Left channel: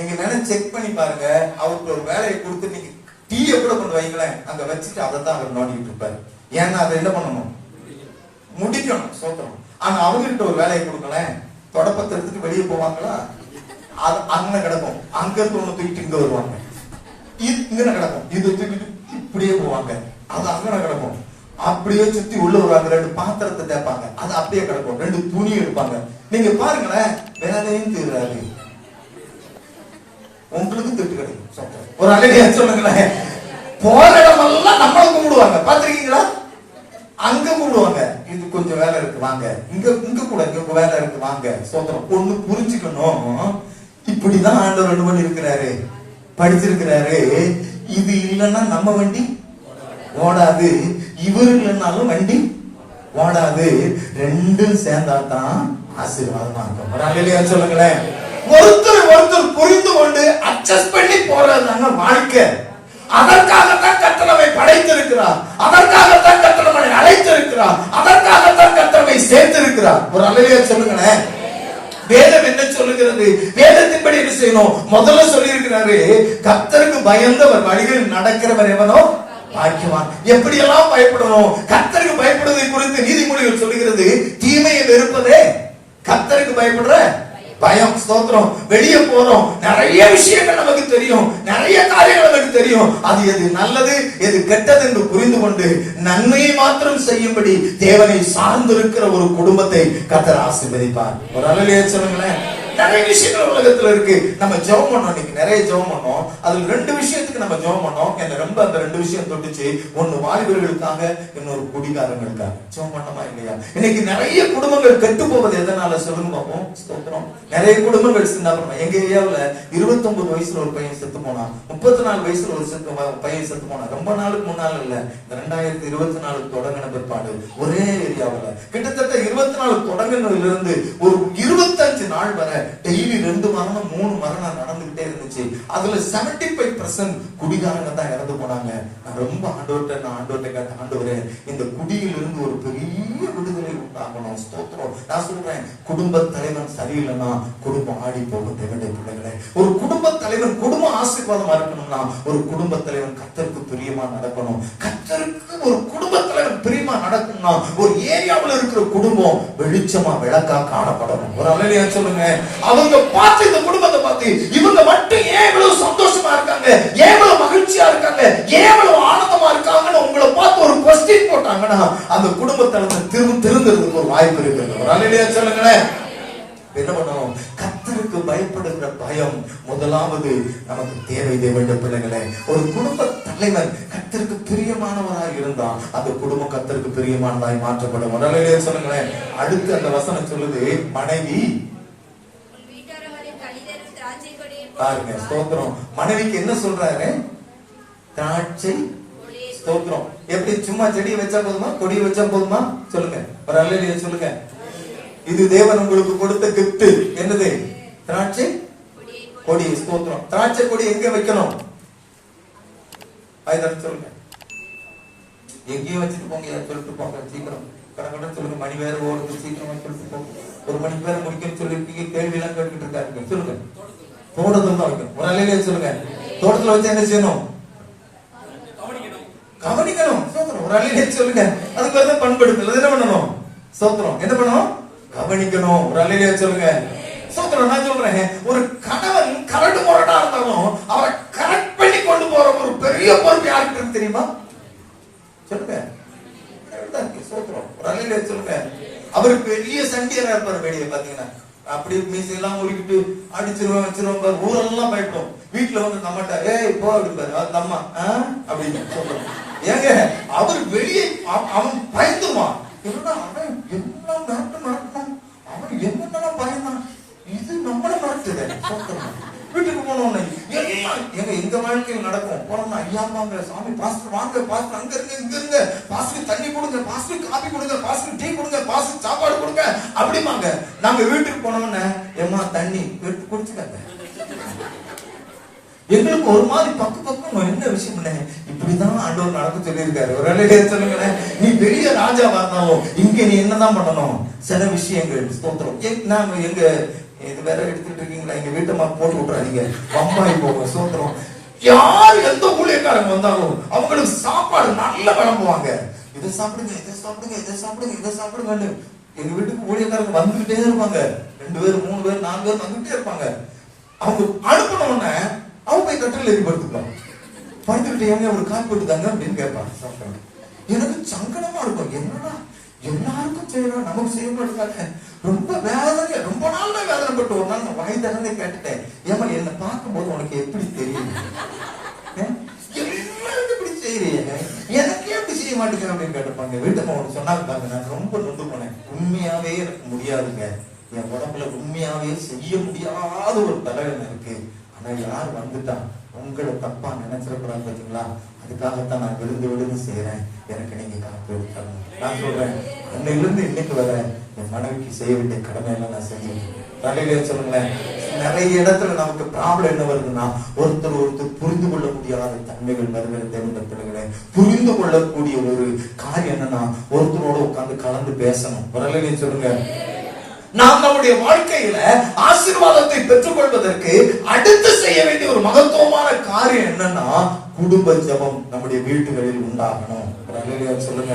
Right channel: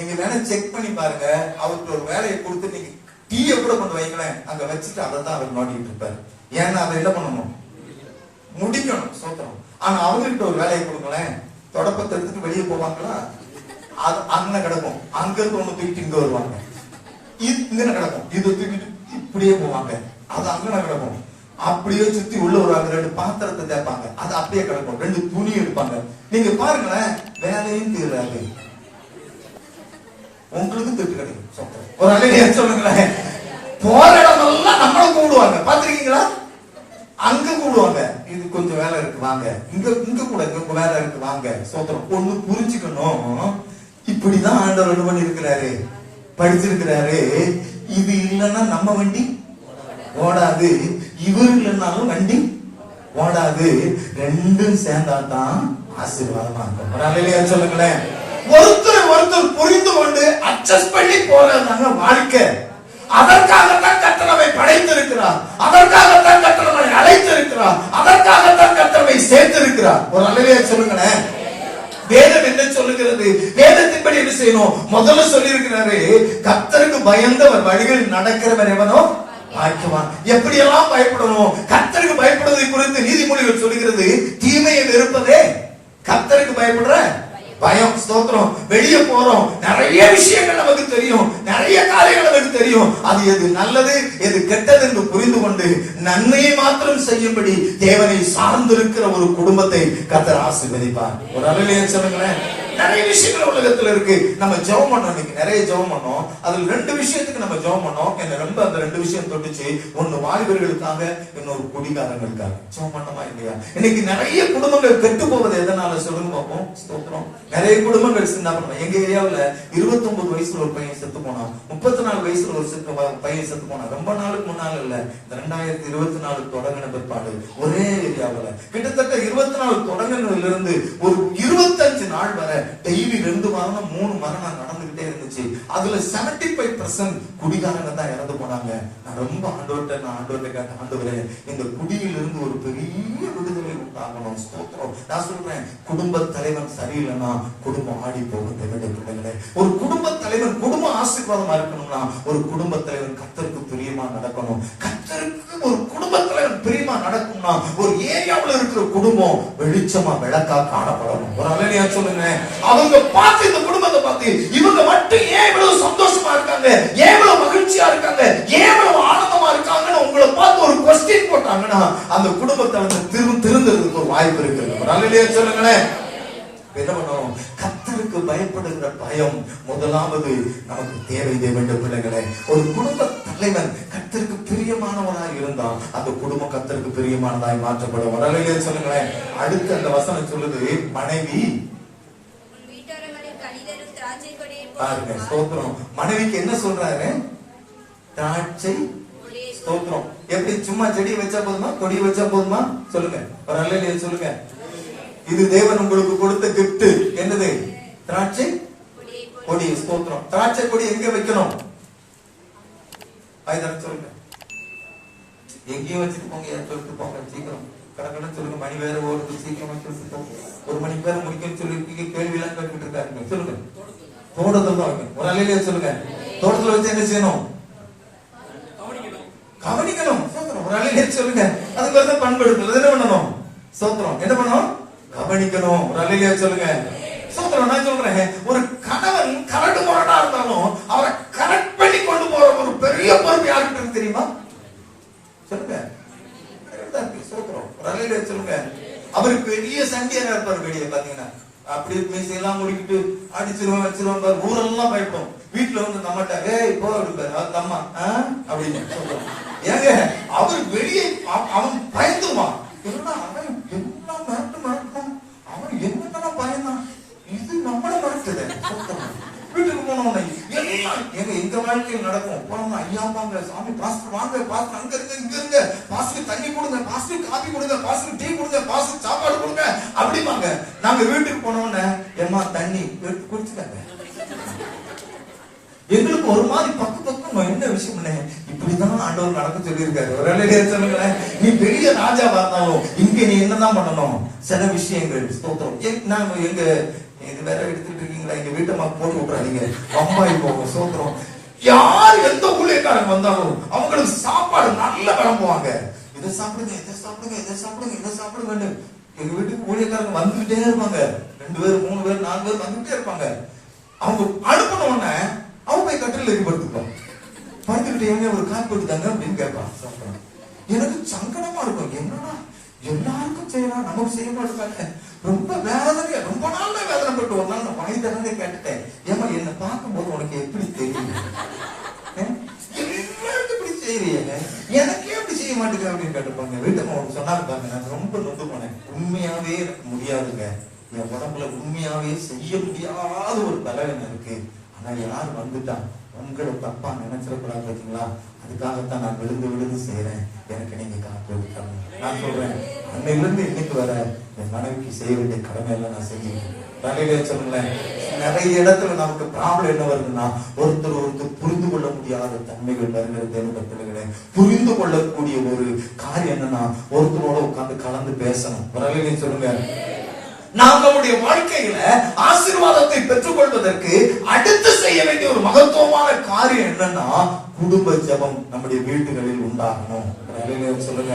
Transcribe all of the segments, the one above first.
நீங்க வேணா செக் பண்ணி பாருங்க. அவருக்கு ஒரு வேலையை கொடுத்து நீங்க டீயை கூட கொண்டு வைங்களேன், அங்க வச்சுட்டு அதை தான் அவர் நோண்டிட்டு இருப்பாரு. ஏன்னா அதை என்ன பண்ணணும், முடிக்கணும். சோத்திரம். ஆனா அவங்ககிட்ட ஒரு வேலையை கொடுக்கலேன், தொடப்பத்திற்கு வெளியே போவாங்களா, அது அங்க கிடக்கும். அங்க இருந்து ஒண்ணு தூக்கிட்டு இங்க வருவாங்க, இங்க கிடக்கும். இது தூக்கிட்டு இப்படியே போவாங்க, அது அங்க கிடக்கும். அப்படியே சுத்தி உள்ள வருவாங்க, ரெண்டு பாத்திரத்தை தேப்பாங்க, அது அப்படியே கிடக்கும். ரெண்டு துணி எடுப்பாங்க. நீங்க பாருங்களேன், வேலையும் தீராது, உங்களுக்கும் திட்டு கிடைக்கும். ஒரு அழகையா சொல்லுங்களேன். போற இடமெல்லாம் நம்மள கூடுவாங்க, பாத்திருக்கீங்களா? அங்க கூடுவாங்க, இது கொஞ்சம் வேலை இருக்கு வாங்க, இங்க கூட இங்க வேலை இருக்கு வாங்க. சோதரம். ஒண்ணு புரிஞ்சுக்கணும், இப்படிதான் ஆண்டவர் ரெண்டு பண்ணி இருக்கிறாரு, படிச்சிருக்கிறாரு. இது இல்லைன்னா நம்ம வண்டி ஓடாது, இவர் இல்லைன்னாலும் வண்டி ஓடாது. ரெண்டும் சேர்ந்தாதான் ஆசீர்வாதமா இருக்கும். ஒரு அழகையா சொல்லுங்களேன். ஒருத்தர் புரிந்து கொண்டு அட்ஜஸ்ட் பண்ணி போறதுதாங்க வாழ்க்கை. அதற்காகத்தான் கர்த்தர் நம்மை படைத்திருக்கிறார், அதற்காகத்தான் கர்த்தர் நம்மை அழைத்திருக்கிறார், அதற்காகத்தான் கர்த்தர் நம்மை சேர்த்திருக்கிறார். ஒரு அல்லேலூயா சொல்லுங்களேன். வேதம் என்ன சொல்லுகிறது? வேதத்தின்படி என்ன செய்யணும்? முதல்ல சொல்லி இருக்கிறாரு, கர்த்தருக்கு பயந்தவர் வழிகள் நடக்கிறவர் எவனோ பாக்கியவான். எப்படியெல்லாம் பயப்படணும்? கர்த்தருக்கு பயப்படுவதை குறித்து நீதிமொழிகள் சொல்லுகிறது, தீமையை வெறுப்பதே கர்த்தருக்கு பயப்படுற பயம். ஸ்தோத்திரம். வெளியே போறோம், நிறைய விஷயங்கள் நமக்கு தெரியும், நிறைய காரியங்கள் நமக்கு தெரியும். அது எது நல்லது எது கெட்டது என்று புரிந்து கொண்டு நன்மையை மாத்திரம் செய்யும்படி தேவனை சார்ந்திருக்கிற ஒரு குடும்பத்தை கர்த்தர் ஆசீர்வதிப்பார். ஒரு அல்லேலூயா சொல்லுங்களேன். நிறைய விஷயங்கள் உலகத்துல இருக்கு. நம்ம ஜெபம் பண்ணோம், இன்னைக்கு நிறைய ஜெபம் பண்ணோம். அதுல ரெண்டு விஷயத்துக்கு நம்ம ஜெபம் பண்ணோம். எனக்கு ரொம்ப அந்த ரெண்டு விஷயம் தொட்டுச்சு. ஒண்ணு வாலிபர்களுக்காக, இன்னொரு குடிகாரங்களுக்காக. ஜெபம் பண்ணோமா இல்லையா? இன்னைக்கு நிறைய குடும்பங்கள் கெட்டு போவது எதனால சொல்லுங்க பார்ப்போம். ஸ்தோத்திரம். நிறைய குடும்பங்கள் சின்ன எங்க ஏரியாவுல 29 வயசுல ஒரு பையன் செத்து போனான், 34 வயசுல ஒரு பையன் செத்து போனான். ரொம்ப நாளுக்கு முன்னால இல்ல, 2024 தொடங்கின பிற்பாடு ஒரே ஏரியாவுல கிட்டத்தட்ட 24 தொடங்கினதுல இருந்து ஒரு 25 நாள் வரை டெய்லி 2 மரணம் 3 மரணம் நடந்துகிட்டே இருந்துச்சு. அதுல 75% குடிகாரங்க தான் இறந்து போனாங்க. நான் ரொம்ப ஆண்டவர்கிட்ட கேட்ட, ஆண்டவரே இந்த குடியிலிருந்து ஒரு பெரிய விடுதலை உண்டாகணும். ஸ்தோத்திரம். நான் சொல்றேன், குடும்ப தலைவன் சரியில்லைன்னா குடும்பம் ஆடி போகும். தேவனுடைய பிள்ளைகளே, ஒரு குடும்ப தலைவன் குடும்பம் ஆசீர்வாதமா இருக்கணும்னா ஒரு குடும்ப தலைவன் கர்த்தருக்கு பிரியமா நடக்கணும். கர்த்தருக்கு ஒரு குடும்ப தலைவன் பிரியமா நடக்கணும்னா ஒரு ஏரியாவில் இருக்கிற குடும்பம் வெளிச்சமா விளக்கா காணப்படணும். ஒரு அல்லேலூயா சொல்லுங்க. அவங்க பார்த்து இந்த குடும்பத்தை பார்த்து இவங்க மட்டும் ஏன் இவ்வளவு சந்தோஷமா இருக்காங்க, ஏன் இவ்வளவு மகிழ்ச்சியா இருக்காங்க, ஏன் இவ்வளவு ஆனந்தமா இருக்காங்கன்னு உங்களை பார்த்து ஒரு கொஸ்டின் போட்டாங்கன்னா அந்த குடும்பத்தை திருந்ததுக்கு ஒரு வாய்ப்பு இருக்கு. ஒரு அல்லேலூயா சொல்லுங்களேன். என்ன பண்ணணும்? கர்த்தருக்கு பயப்படுகிற பயம் முதலாவது நமக்கு தேவை. தேவனுடைய பிள்ளைகளே, ஒரு குடும்ப தலைவன் கர்த்தருக்கு பிரியமானவராய் இருந்தா அந்த குடும்பம் கர்த்தருக்கு பிரியமானதாய் மாற்றப்படும். வரலையே சொல்லுங்களேன். அடுத்து அந்த வசனம் சொல்லுது, மனைவி பாருங்க. ஸ்தோத்திரம். மனைவிக்கு என்ன சொல்றாரு? திராட்சை. ஸ்தோத்திரம். எப்படி சும்மா செடியை வச்சா போதுமா, கொடியை வச்சா போதுமா? சொல்லுங்க. ஒரு அல்லேலூயா சொல்லுங்க. இது தேவன் உங்களுக்கு கொடுத்த கிஃப்ட். என்னது? திராட்சை கொடி. ஸ்தோத்திரம். திராட்சை கொடி எங்க வைக்கணும்? சொல்லுங்க. எங்கேயும் வச்சுட்டு போங்க, சொல்லிட்டு போங்க. சீக்கிரம் கடற்கடன் சொல்லுங்க. மணி வேற ஓடுது, சீக்கிரமா சொல்லிட்டு போங்க. 1 மணி பேரை முடிக்கணும்னு சொல்லி கேள்வி எல்லாம் கேட்டுட்டு இருக்காருங்க. சொல்லுங்க. தோட்டத்துல தான் வைக்கணும். ஒரு அல்லேலூயா சொல்லுங்க. தோட்டத்துல வச்சு என்ன செய்யணும்? கவனிக்கணும். ஒரு அல்லேலூயா சொல்லுங்க. அதுக்கு வந்து பண்படுத்தல் என்ன பண்ணணும்? ஸ்தோத்திரம். என்ன பண்ணணும்? கவனிக்கணும். ஒரு அல்லேலூயா சொல்லுங்க. ஸ்தோத்திரம். நான் சொல்றேன், ஒரு கணவன் கரடு முரடா இருந்தாலும் அவரை கரெக்ட் பண்ணி கொண்டு போற ஒரு பெரிய பொறுப்பு யாருக்கு தெரியுமா? சொல்லுங்க. ஸ்தோத்திரம். ஒரு அல்லேலூயா சொல்லுங்க. அவரு பெரிய சண்டியரா இருப்பாரு. வெளியே பாத்தீங்கன்னா அப்படி மீசையெல்லாம் முடிக்கிட்டு அடிச்சிருவோம் வச்சிருவோம், ஊரெல்லாம் பயப்படும். வீட்டுல வந்து நம்மகிட்ட ஏய் போ அப்படிப்பாரு. அது அம்மா அப்படின்னு சொல்றோம். ஏங்க அவர் வெளியே அவன் பயந்துவான். அவன் எல்லாம் நடக்கும், அவன் என்னென்ன பயந்தான். இது நம்மள நடக்குது. வீட்டுக்கு போனோம் எல்லாம் எங்க வாழ்க்கையில் நடக்கும். போனோம்னா ஐயா வாங்க, சாமி பாஸ்டர் வாங்க, பாஸ்டர் அங்க இருங்க இங்க இருங்க, பாஸ்டர் தண்ணி கொடுங்க, பாஸ்டர் காபி கொடுங்க, பாஸ்டர் டீ கொடுங்க, பாஸ்டர் சாப்பாடு கொடுங்க அப்படிமாங்க. நாங்க வீட்டுக்கு போனோம்னா ஏமா தண்ணி எடுத்து குடிச்சுக்காங்க. எங்களுக்கு ஒரு மாதிரி பக்கம் என்ன விஷயம் இப்படிதான் ஆண்டவர் நடக்க சொல்லியிருக்காரு. ஒரு அல்லேலூயா சொல்லுங்களேன். நீ பெரிய ராஜாவா இருந்தாலும் இங்க நீ என்னதான் பண்ணணும்? சில விஷயங்கள். ஸ்தோத்திரம். நாங்க இது வேற எடுத்துட்டு இருக்கீங்களா? எங்க வீட்டை போட்டு விட்டுறாதீங்க, அம்மாய் போகும். சோத்திரம். யார் எந்த ஊழியக்காரங்க வந்தாலும் அவங்களுக்கு சாப்பாடு நல்லா விளம்புவாங்க. இதை சாப்பிடுங்க, இதை சாப்பிடுங்க, இதை சாப்பிடுங்க, இதை சாப்பிடுங்கன்னு. எங்க வீட்டுக்கு ஊழியக்காரங்க வந்துகிட்டே இருப்பாங்க. 2 பேர் 3 பேர் 4 பேர் வந்துகிட்டே இருப்பாங்க. அவங்க அனுப்பின உடனே அவங்க போய் கட்டில ஏற்படுத்திக்கலாம். படுத்துக்கிட்டே ஏங்க ஒரு காப்பி போட்டுதாங்க அப்படின்னு கேட்பாங்க. எனக்கு சங்கடமா இருக்கும். என்னடா எல்லாருக்கும் செய்யலாம், நமக்கு செய்ய மாட்டாங்க. ரொம்ப வேதனை, ரொம்ப நாள்ல வேதனைப்பட்டு ஒரு நாள் நான் வாய் தரனே கேட்டுட்டேன். ஏமா என்ன பார்க்கும்போது உனக்கு எப்படி தெரியும்? எல்லாருக்கும் இப்படி செய்யறீங்க, எனக்கே எப்படி செய்ய மாட்டேங்க அப்படின்னு கேட்டுப்பாங்க. வீட்டுக்கு அவங்க சொன்னாங்க, நான் ரொம்ப நொந்து போனேன். உண்மையாவே எனக்கு முடியாதுங்க. என் உடம்புல உண்மையாவே செய்ய முடியாத ஒரு தலைவன் இருக்கு. ஆனா யார் வந்துட்டா உங்களை தப்பா நினைச்சிடக்கூடாது பாத்தீங்களா? அதுக்காகத்தான் நான் விழுந்து செய்யறேன். எனக்கு நீங்க காப்பு இருக்காங்க. நான் சொல்றேன், அன்னையிலிருந்து இன்னைக்கு வர என் மனைவிக்கு செய்ய வேண்டிய கடமை எல்லாம் நான் செய்யணும். தலையில சொல்லுங்களேன். நிறைய இடத்துல நமக்கு ப்ராப்ளம் என்ன வருதுன்னா, ஒருத்தர் புரிந்து கொள்ள முடியாத தன்மைகள் வருகிற புரிந்து கொள்ளக்கூடிய ஒரு காரியம் என்னன்னா, ஒருத்தரோட உட்கார்ந்து கலந்து பேசணும். வரலையே சொல்லுங்க. நாம் நம்முடைய வாழ்க்கையில ஆசீர்வாதத்தை பெற்றுக் கொள்வதற்கு அடுத்து செய்ய வேண்டிய ஒரு மகத்துவமான காரியம் என்னன்னா, குடும்ப ஜெபம் நம்முடைய வீட்டுகளில் உண்டாகணும். சொல்லுங்க.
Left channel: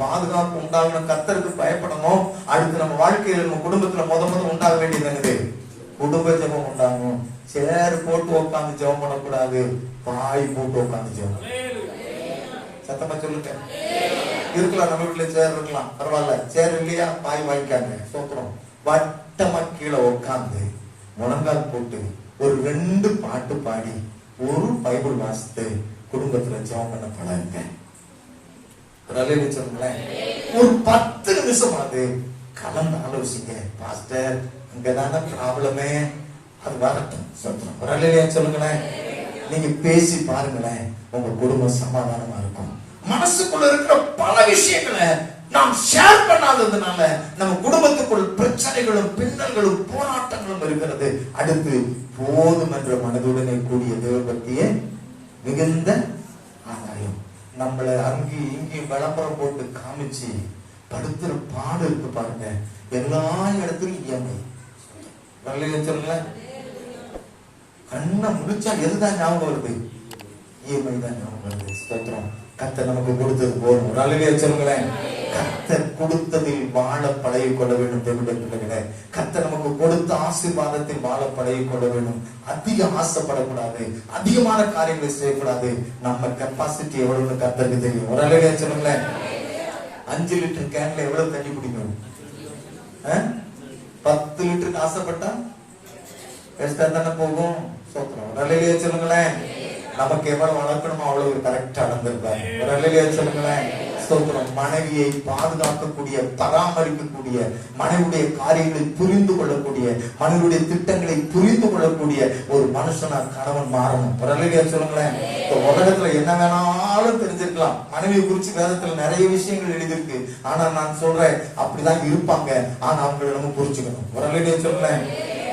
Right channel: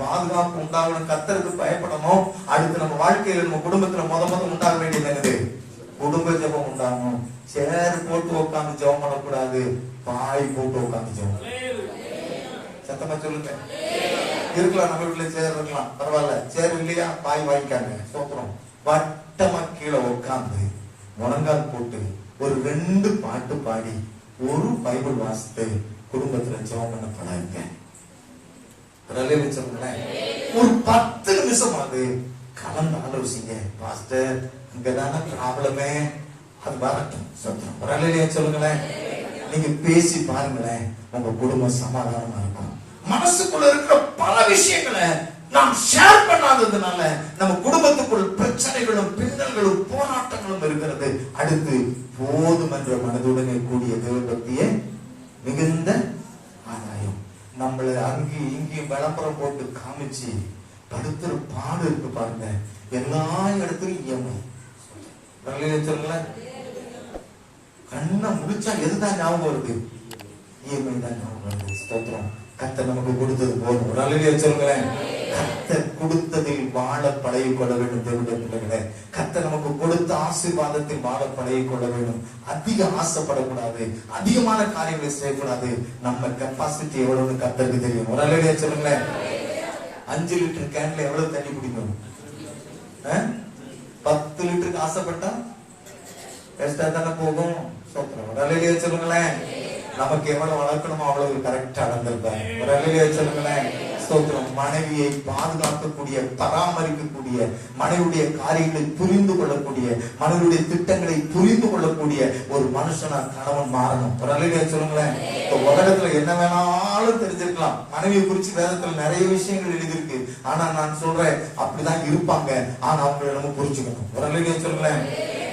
பாதுகாப்பு உண்டாகணும், கர்த்தருக்கு பயப்படணும். அடுத்து நம்ம வாழ்க்கையில நம்ம குடும்பத்துல முத உண்டாக வேண்டியது என்னது? குடும்ப ஜெபம் உண்டாகணும். சேர் போட்டு உட்காந்து ஜெபம் பண்ணக்கூடாது, பாய் போட்டு உட்காந்து ஜெபம். சத்தமா சொல்லுங்க. இருக்கலாம், நம்ம வீட்டுல சேர் இருக்கலாம், பரவாயில்ல. சேர் இல்லையா, பாய் வாங்கிக்காங்க. சோத்திரம். வட்டமா கீழே உட்காந்து முழங்கால் போட்டு ஒரு 2 பாட்டு பாடி ஒரு பைபிள் வாசித்து குடும்பத்துல ஜெபம் பண்ண பழகுங்க. ஒரு 10 நிமிஷம் அது கலந்து ஆலோசிங்க. பாஸ்டர், இங்கதான ப்ராப்ளமே, அது வரட்டும். சோத்திரம். சொல்லுங்களேன். நீங்க பேசி பாருங்களேன், உங்க குடும்பம் சமாதானமா இருக்கும். மனசுக்குள்ள இருக்கிற பல விஷயங்களை நாம் ஷேர் பண்ணாததுனால நம்ம குடும்பத்துக்குள் பிரச்சனைகளும் பின்னல்களும் போராட்டங்களும் இருக்கிறது. அடுத்து போதும் என்ற மனதுடனே கூடிய தேவபக்தியே மிகுந்த ஆதாயம். நம்மளை அங்கேயும் இங்கேயும் விளம்பரம் போட்டு காமிச்சு படுத்துற பாடு இருக்கு பாருங்க. எல்லா இடத்துலயும் இஎம்ஐ. சொல்லுங்களேன். கண்ணை முடிச்சா எதுதான் ஞாபகம் வருது? இஎம்ஐ தான் ஞாபகம் வருது. ஸ்தோத்திரம். கர்த்தர் நமக்கு கொடுத்தது போதும். சொல்லுங்களேன். கர்த்தர் கொடுத்ததில் வாழ பழகிக் கொள்ள வேண்டும். தேவர்களே, கர்த்தர் நமக்கு கொடுத்த ஆசீர்வாதத்தில் வாழ பழகிக் கொள்ள வேண்டும். அதிக ஆசைப்படக்கூடாது, அதிகமான காரியங்களை செய்யக்கூடாது. நம்ம கெப்பாசிட்டி எவ்வளவுன்னு கர்த்தருக்கு தெரியும். ஒரு அலையிலே சொல்லுங்களேன். 5 லிட்டர் கேன்ல எவ்வளவு தண்ணி குடிக்கும்? 10 லிட்டருக்கு ஆசைப்பட்டா எக்ஸ்ட்ரா தானே போகும். ஒரு அலையிலே சொல்லுங்களேன். நமக்கு எவ்வளவு வளர்க்கணுமோ அவ்வளவு கரெக்டா நடந்திருப்பாங்க. ஒரு அலையிலே சொல்லுங்களேன். மனைவியை பாதுகாக்கக்கூடிய, பராமரிக்கக்கூடிய, மனைவியுடைய காரியங்களை புரிந்து கொள்ளக்கூடிய, மனைவியுடைய திட்டங்களை புரிந்து கொள்ளக்கூடிய ஒரு மனுஷனா கணவன் மாறணும். ஒரு அலையிலே சொல்லுங்களேன். உலகத்துல என்ன வேணாலும் தெரிஞ்சிருக்கலாம். மனைவியை குறிச்சு வேதத்துல நிறைய விஷயங்கள் எழுதியிருக்கு. ஆனா நான் சொல்றேன், அப்படிதான் இருப்பாங்க. ஆனா அவங்களை நம்ம புரிஞ்சுக்கணும். ஒரு அலையிலே சொல்லுங்களேன்.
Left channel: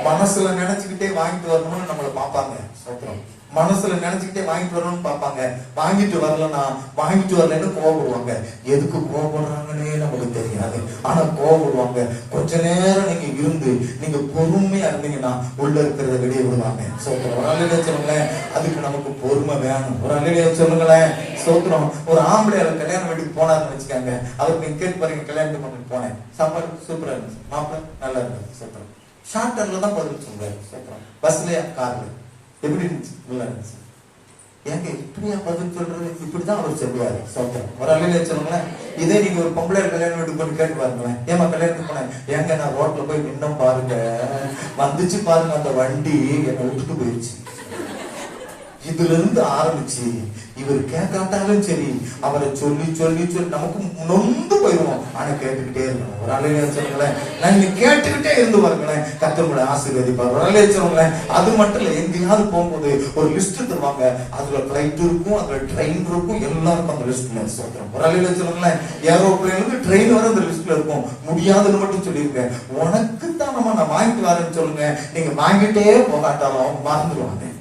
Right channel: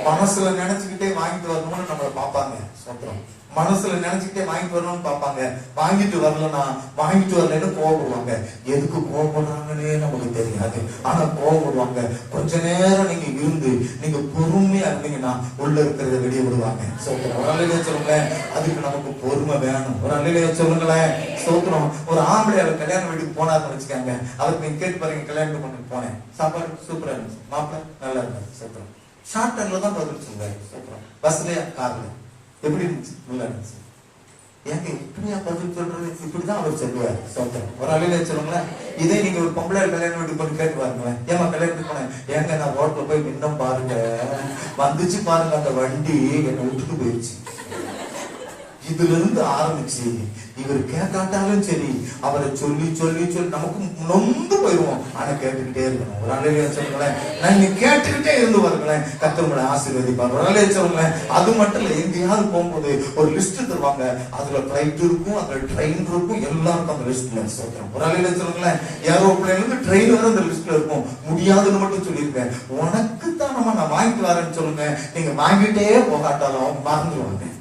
மனசுல நினைச்சுக்கிட்டே வாங்கிட்டு வரணும்னு நம்மளை பார்ப்பாங்க. சத்திரம். மனசுல நினைச்சுக்கிட்டே வாங்கிட்டு வரணும்னு பார்ப்பாங்க. வாங்கிட்டு வரலன்னா, வாங்கிட்டு வரலன்னு கோவப்படுவாங்க. எதுக்கு கோவப்படுறாங்கன்னே நமக்கு தெரியாது. ஆனா கோவப்படுவாங்க. கொஞ்ச நேரம் நீங்க இருந்து நீங்க பொறுமையா இருந்தீங்கன்னா உள்ள இருக்கிறத வெளியே விடுவாங்க. சோத்திரம். ஒரு அலையிலே சொல்லுங்களேன். அதுக்கு நமக்கு பொறுமை வேணும். ஒரு அலையிலே சொல்லுங்களேன். சோத்திரம். ஒரு ஆம்பளை கல்யாணம் வீட்டுக்கு போனாருன்னு வச்சுக்காங்க. அவருக்கு நீங்க கேட்டு பாருங்க, கல்யாணம் பண்ணிட்டு போனேன், சாப்பாடு சூப்பரா இருந்துச்சு, மாப்பிள்ள நல்லா இருந்துச்சு. சோத்திரம். ஷார்ட் டர்ல தான் பதில் சொல்லுவாரு. சோத்திரம். பஸ்லயா கார்ல எப்படி இருந்துச்சு? நல்லா இருந்துச்சு. ஏங்க இப்படியா பதில் சொல்றது? இப்படிதான் அவர் சொல்லுவாரு. சொல்றேன். ஒரு அலையில சொல்லுங்களேன். இதே நீங்க ஒரு பொம்பளை கல்யாணம் வீட்டுக்கு போய் கேட்டு பாருங்களேன். ஏமா கல்யாணத்துக்கு போனேன்? ஏங்க நான் ரோட்ல போய் இன்னும் பாருங்க, வந்துச்சு பாருங்க அந்த வண்டி என்னை விட்டுட்டு போயிருச்சு. இதுல இருந்து ஆரம்பிச்சு இவர் கேட்காட்டாலும் சரி, அவரை சொல்லி சொல்லி சொல்லி நமக்கு நொந்து போயிருவோம். ஆனா கேட்டுக்கிட்டே இருக்கணும். ஒரு அலையில சொல்லுங்களேன். நீங்க கேட்டுக்கிட்டே இருந்து பாருங்களேன், கர்த்தர் ஆசீர்வதிப்பார். ஒரு அலையில சொல்லுங்களேன். அது மட்டும் இல்ல, எங்கேயாவது போகும்போது ஒரு லிஸ்ட் தருவாங்க. அதுல பிளைட் இருக்கும், அதுல ட்ரெயின் இருக்கும், எல்லாருக்கும் அந்த லிஸ்ட்ல சொல்றோம். ஒரு அலையில சொல்லுங்களேன். ஏரோப்ளைன்ல இருந்து ட்ரெயின் வர அந்த லிஸ்ட்ல இருக்கும். முடியாதுன்னு மட்டும் சொல்லியிருக்கேன். உனக்கு தான் நான் வாங்கிட்டு வரேன்னு சொல்லுங்க. நீங்க வாங்கிட்டே போகாட்டாலும் மறந்துடுவாங்க.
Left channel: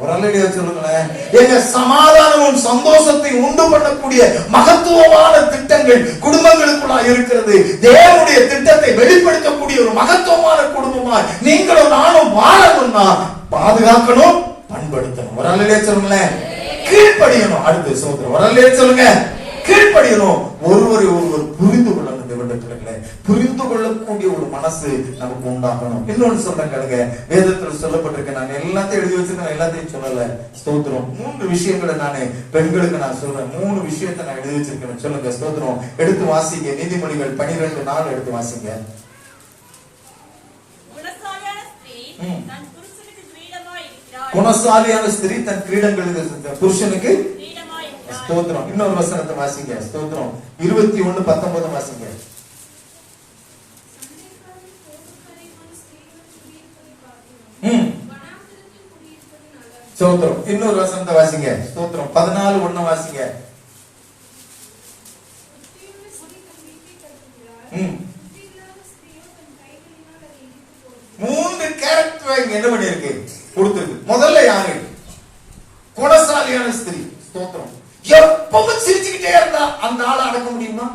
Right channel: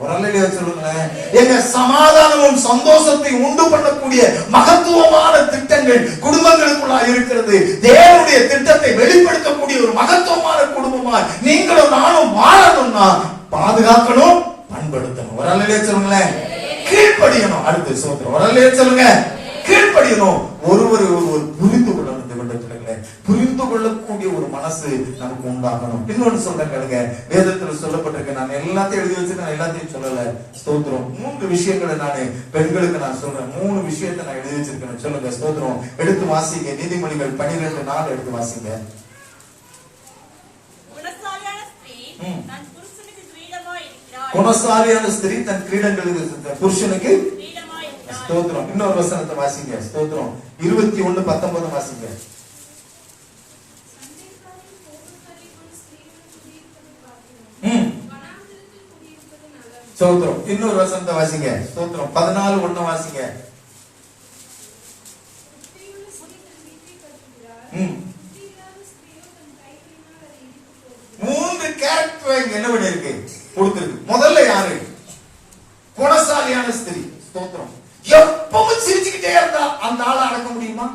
ஒரு அல்லேலூயா சொல்லுங்களேன். எங்க சமாதானமும் சந்தோஷத்தை உண்டு பண்ணக்கூடிய மகத்துவமான திட்டங்கள் குடும்பங்களுக்குள்ள இருக்கிறது. தேவனுடைய திட்டத்தை வெளிப்படுத்தக்கூடிய ஒரு மகத்துவமான குடும்பமா நீங்களும் நானும் வாழணும்னா பாதுகாக்கணும், பண்படுத்தணும். ஒரு அல்லேலூயா சொல்லுங்களேன். கீழ்ப்படியணும். அடுத்து சோதரம். ஒரு அல்லேலூயா சொல்லுங்க. கீழ்ப்படியணும். ஒருவர் புரிந்து கொள்ளணும். புரிந்து கொள்ளக்கூடிய ஒரு மனசு நமக்கு உண்டாகணும். இன்னொன்னு சொன்னேன் கேளுங்க, வேதத்துல சொல்லப்பட்டிருக்க. நான் எல்லாத்தையும் எழுதி வச்சிருக்கேன், எல்லாத்தையும் சொல்லல. ஸ்தோத்திரம். 3 விஷயங்களை நானு பெண்களுக்கு நான் சொல்றேன். 3 விஷயத்தை நான் எழுதி வச்சிருக்கேன். சொல்லுங்க. ஸ்தோத்திரம். எடுத்து வாசிங்க. நீதிமொழிகள் 12:4 எடுத்து வாசிங்க. குணசாலியான ஸ்திரீ தன் கிரீடங்களுக்கு புருஷனுக்கு ஸ்தோத்திரம். இன்னொரு வசனத்தை வாசிங்க. ஸ்தோத்திரம். 21:19 வாசிங்க. ஸ்தோத்திரம். இன்னொரு வசனத்தை வாசிங்க. ஸ்தோத்திரம். 14:1 வாசிங்க. மூன்று கேரக்டர் என்ன பண்ணி இருக்கு கொடுத்திருக்கு. முதல்ல யாரு? குணசாலியான ஸ்திரீ. ஸ்தோத்திரம். எப்பவும் சிரிச்சுக்கிட்டே இருந்தா அந்த ஆளை அடக்க முடியுமா?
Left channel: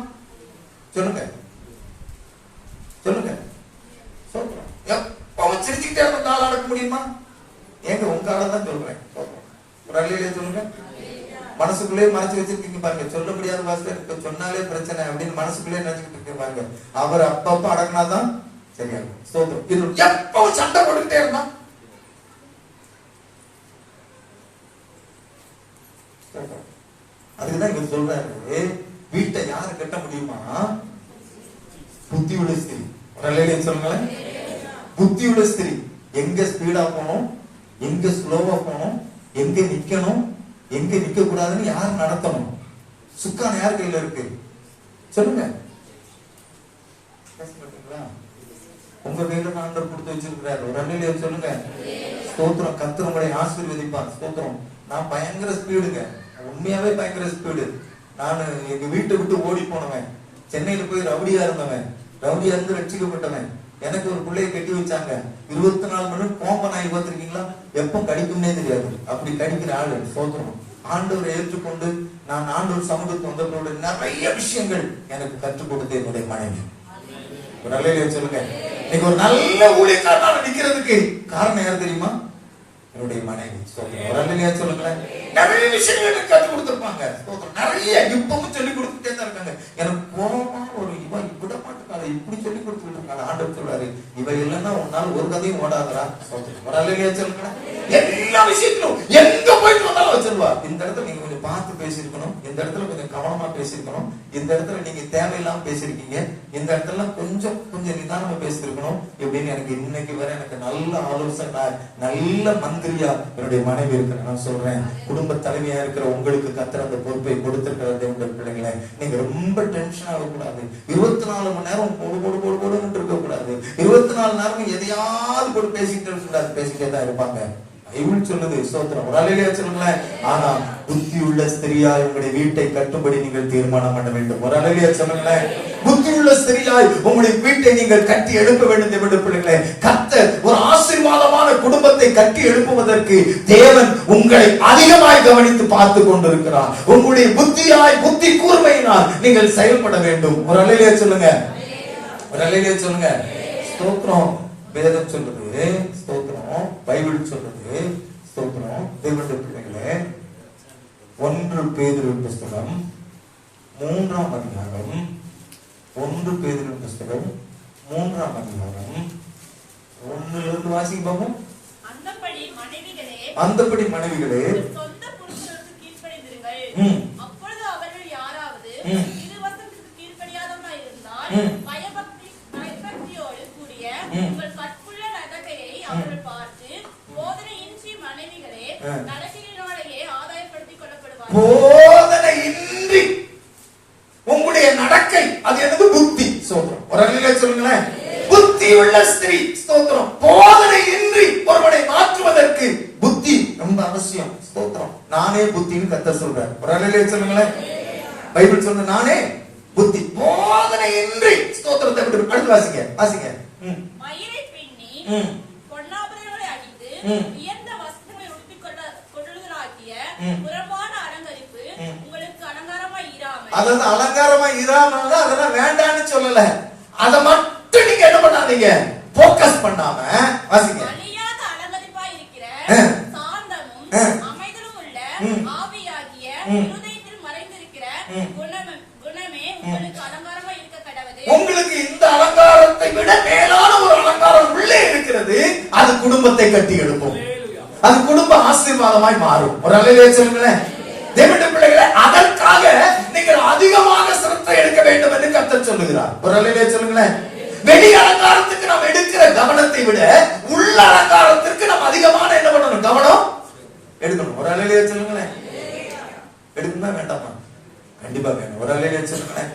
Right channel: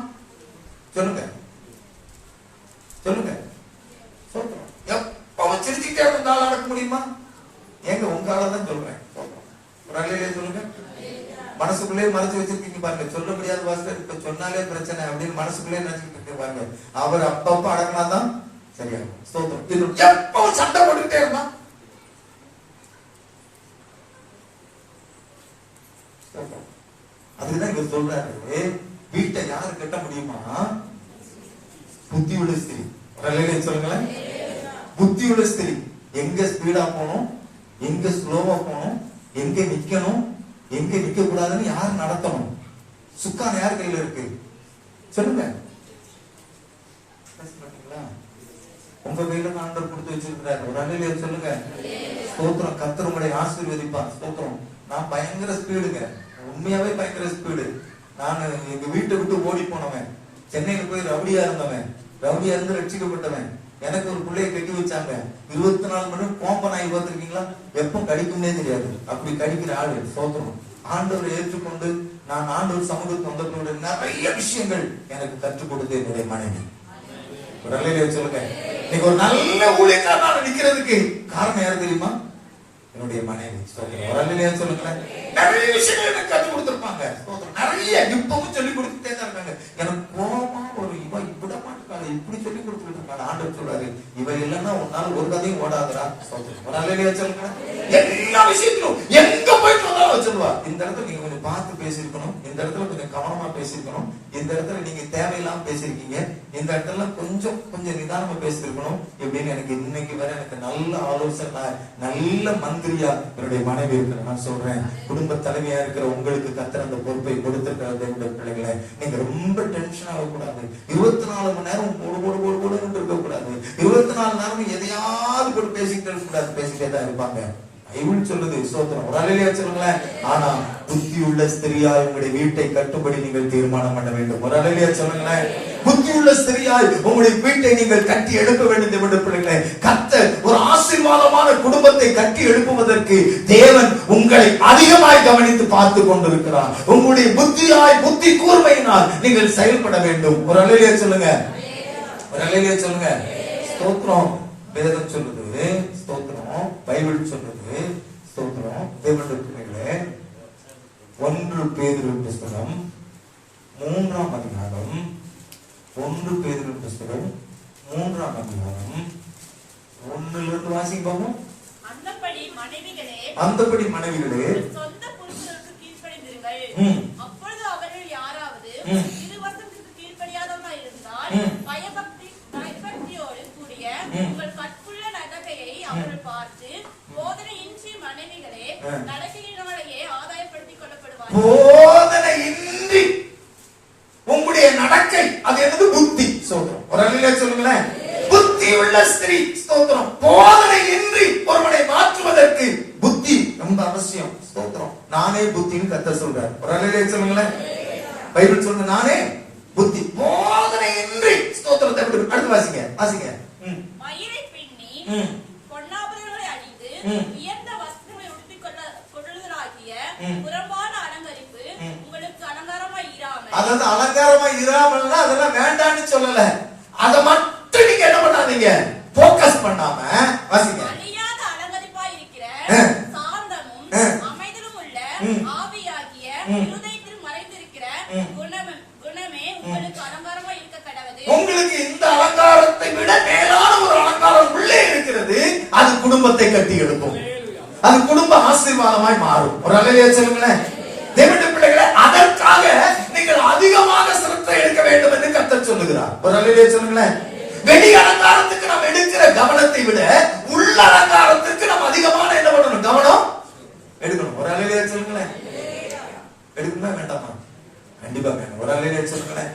சொல்லுங்க சொல்லுங்க. ஸ்தோத்திரம். எப்பவும் சிரிச்சுக்கிட்டே இருந்தா ஆளை அடக்க முடியுமா? ஏங்க உங்க ஆளதான் சொல்றேன். ஒரு அல்லேலூயா சொல்லுங்க. மனசுக்குள்ளே மறைச்சு வச்சிருக்கீங்க பாருங்க. சொல்ல முடியாத வாசல இப்ப சொன்னாலே பிரச்சனை அப்படின்னு மனசுக்குள்ளே நினைச்சுக்கிட்டு இருக்க பாருங்க. அவர் அப்பப்ப அடங்கினாதான் சரியா. ஸ்தோத்திரம். எப்பவும் சண்டை போட்டுக்கிட்டே இருந்தா அதுதான் இவர் சொல்றாரு. வீட்டை யாரு கட்ட முடியுமா? புத்தியுள்ள ஸ்திரீ. சொல்லுங்களேன். புத்தியுள்ள ஸ்திரீ. எங்க ஸ்பீடா போகணும், எங்க ஸ்லோவா போகணும், எங்க நிக்கணும், எங்க நிக்க கூடாதுன்னு யாரு நடத்தணும்? சுக்கான் யார் கையில இருக்கு? சொல்லுங்க. உங்க கையில ஆண்டவர் கொடுத்து வச்சிருக்கிறார். ஒரு அல்லேலூயா சொல்லுங்க. ஸ்தோத்திரம். கர்த்தர் உங்களை ஆசீர்வதிப்பார். ஸ்தோத்திரம். நான் பயங்கர ஸ்பீடுங்க, உண்மையாவே பயங்கர ஸ்பீடு. நான் எங்க வீட்டை விட்டு ஓடி போனவன், சென்னையில போய் ரவுடியா இருந்தவன், ரவுடியா இருந்து ரட்சிக்கப்பட்டவன். எனக்கு ஒரு பிள்ளைய கட்டி வச்சாங்க. 24 மணி கோம்ப நாய் பார்த்திருக்கீங்களா? எப்ப கடிக்கும்னே தெரியாது, அப்படி கடிக்கிற ஆளு. ஸ்தோத்திரம். ஆண்டவரை ஏற்றுக்கொண்டு நான் ஆண்டவர் சமூகத்துக்கு வந்தவர்களோட நிறைய விஷயங்கள் எனக்கு கற்றுக் கொடுத்து என்னுடைய மனைவி. ஒரு அல்லேலூயா சொல்லுங்க. இன்னைக்கு ஒரு நல்ல ஊழியக்காரனால நிக்கிறதுக்கு காரணம் யாரு தெரியுமா? என்னுடைய மனைவி. ஒரு அல்லேலூயா சொல்லுங்க. நிறைய விஷயங்கள் எனக்கு கற்றுக் கொடுத்திருப்பாங்க. நிறைய இப்பவும் சொல்லி கொடுத்துட்டே தான் இருக்காங்க. எனக்கு கோபமா ஒரு இவ இப்படி மாட்டுக்காரு, இப்படி சொல்லி கொடுத்துட்டு இருக்காங்க. ஆண்டவர் சொல்றாரு, இவ இல்லைன்னா உன்னால ஒரு கதையும் ஓடாதரா. ஒரு அல்லேலூயா சொல்லுங்க. எல்லா விஷயத்திலும் எங்க போயிட்டு வந்தாலும் வச்சிருவா. இந்த இடத்துல நீங்க கொஞ்சம் பார்த்து பேசியிருக்கணும், இந்த இடத்துல கொஞ்சம் கவனமா பேசியிருக்கணும், இந்த இடத்துல நீங்க தேவையில்லாம பேசிருக்கீங்க, இந்த இடத்துல கொஞ்சம் நிதானமா பேசிருக்கணும் இப்படின்னு எனக்கு இன்னைக்கு வர எனக்கு நல்ல ஆலோசனை, நல்ல மந்திரியா என்னுடைய மனைவி இருக்கு. நான் சொல்றேன், குடும்ப தலைவியா இருக்கிற உங்களுக்கு கர்த்தர் அந்த பொறுப்பை கொடுத்திருக்கிறது. என்னுடைய பிள்ளைகளை நீங்க ரொம்ப டென்ஷன் ஆகக்கூடாது. 24 மணி நேரம் போடு இருக்க கூடாது. 24 நேரமும் எதையாவது போட்டு பேசிக்கிட்டு இருக்க கூடாது. பேசிக்கிட்டே தான் இருப்பாங்க. பைபிள் சொல்லுது. ஸ்தோத்திரம். ஒரு அல்லேலூயா சொல்லுங்க. ஆனா புத்தியுள்ள ஸ்திரியாய் உங்களுடைய வீட்டை கட்டும்படி நீங்கள் தீர்மானம் பண்ண வேண்டும். ஒரு அல்லேலூயா சொல்லுங்களேன். புத்தியுள்ள ஸ்திரியாய் உங்களுடைய வீட்டை நீங்கள் கட்டி எழுப்ப வேண்டும். என்று பிள்ளைகளே, கர்த்தர் ஒரு ஆசீர்வாதமான குடும்பத்தை கட்டி எழுப்புவதற்கு தேவன் உங்களை அதிகமாய் கவனித்து பார்த்து கொண்டிருக்கிறார். உங்களுடைய புத்தி கூர்மையினால் நீங்கள் செயல்பட வேண்டும். ஒரு அல்லேலூயா சொல்லுங்க. ஒரு அல்லேலூயா சொல்லுங்க. ஸ்தோத்திரம். வேதம் சொல்லுது. ஸ்தோத்திரம். பைபிள் சொல்லுது. ஸ்தோத்திரம். தேவனுடைய பிள்ளைகளே, 1 பேதுரு புஸ்தகம் 3ஆம் அதிகாரம், 1 பேதுரு புஸ்தகம் 3ஆம் அதிகாரம் 1 வாசிங்க பாப்போம். அந்தபடி மனைவிகளே சொந்த புருஷருக்கு கீழ்ப்படிந்திருங்கள். அப்பொழுது அவர்கள் யாராவது திருவசனத்துக்கு கீழ்ப்படியாதவர்களாய் இருந்தால் பயபக்தியோடு கூடிய உங்கள் கற்புள்ள நடக்கையை அவர்கள் பார்த்து போதனையின்றி மனைவிகளே நடக்கையினாலேயே ஆதாயப்படுத்திக் கொள்ளப்படுவார்கள். போதனையின்றி உங்களுடைய நடக்கை அது என்னது? புத்தி. ஸ்தோத்திரம். ஒரு அல்லேலூயா சொல்லுங்களேன். புத்தி உள்ள ஸ்திரீ. ஸ்தோத்திரம். போதனையின்றி ஒருவனை மாற்றுவதற்கு புத்தி ரொம்ப அவசியம். ஸ்தோத்திரம். நானே புத்தின்னு கர்த்தர் சொல்றார். ஒரு அல்லேலூயா சொல்லுங்களேன். பைபிள் சொல்லுங்க, நானே புத்தி. போதனையின்றி. ஸ்தோத்திரத்தை அடுத்து வாசிங்க. மயிரை பின்னி பொன்னாபரணங்களை அணிந்து உயர்ந்த வஸ்திரங்களை உடுத்திக் புறம்பான அலங்கரிப்பு உங்களுக்கு அலங்காரமா இராமல், அதாவது அலங்காரமா இராமல் அதெல்லாம் வேண்டான்னு சொல்லல. அதை மட்டும் நீங்க என்ன பண்ணாதீங்க, போக்கஸ் பண்ணாம வாசிங்க. அழியாத அலங்கரிப்பா இருக்கிற சாந்தமும் அமைதலும் உள்ள ஆவியாகிய இருதயத்தில் மறைந்திருக்கிற குணமே உங்களுக்கு அலங்காரமா இருக்க கடவுது. உங்களுக்கு இந்த அலங்காரத்தை விட மேலான ஒரு அலங்காரம் உள்ளே இருக்கிறது. அது குடும்பத்தை கட்டி எடுக்கும். அது குடும்ப ஆசீர்வாதமாய் மாறும். ஒரு அல்லேலூயா சொல்லுங்களேன். தேவனுடைய பிள்ளைகளே, அதற்காக நீங்கள் அதிகமாக சிரத்தை எடுக்க வேண்டும் என்று கர்த்தர் சொல்லுகிறார். ஒரு அல்லேலூயா சொல்லுங்களேன். வெளி அலங்காரத்துக்கு நாம் எடுக்கிற கவனத்தை விட உள்ள அலங்காரத்திற்கு நாம் அதிகமான என்ன பண்ணணும், கவனம் எடுக்கணும். ஒரு அல்லேலூயா சொல்லுங்களேன். எடுக்குமா வேண்டாமா? கண்டிப்பா வேணும். ஒரு அல்லேலூயா சொல்லுங்களேன்.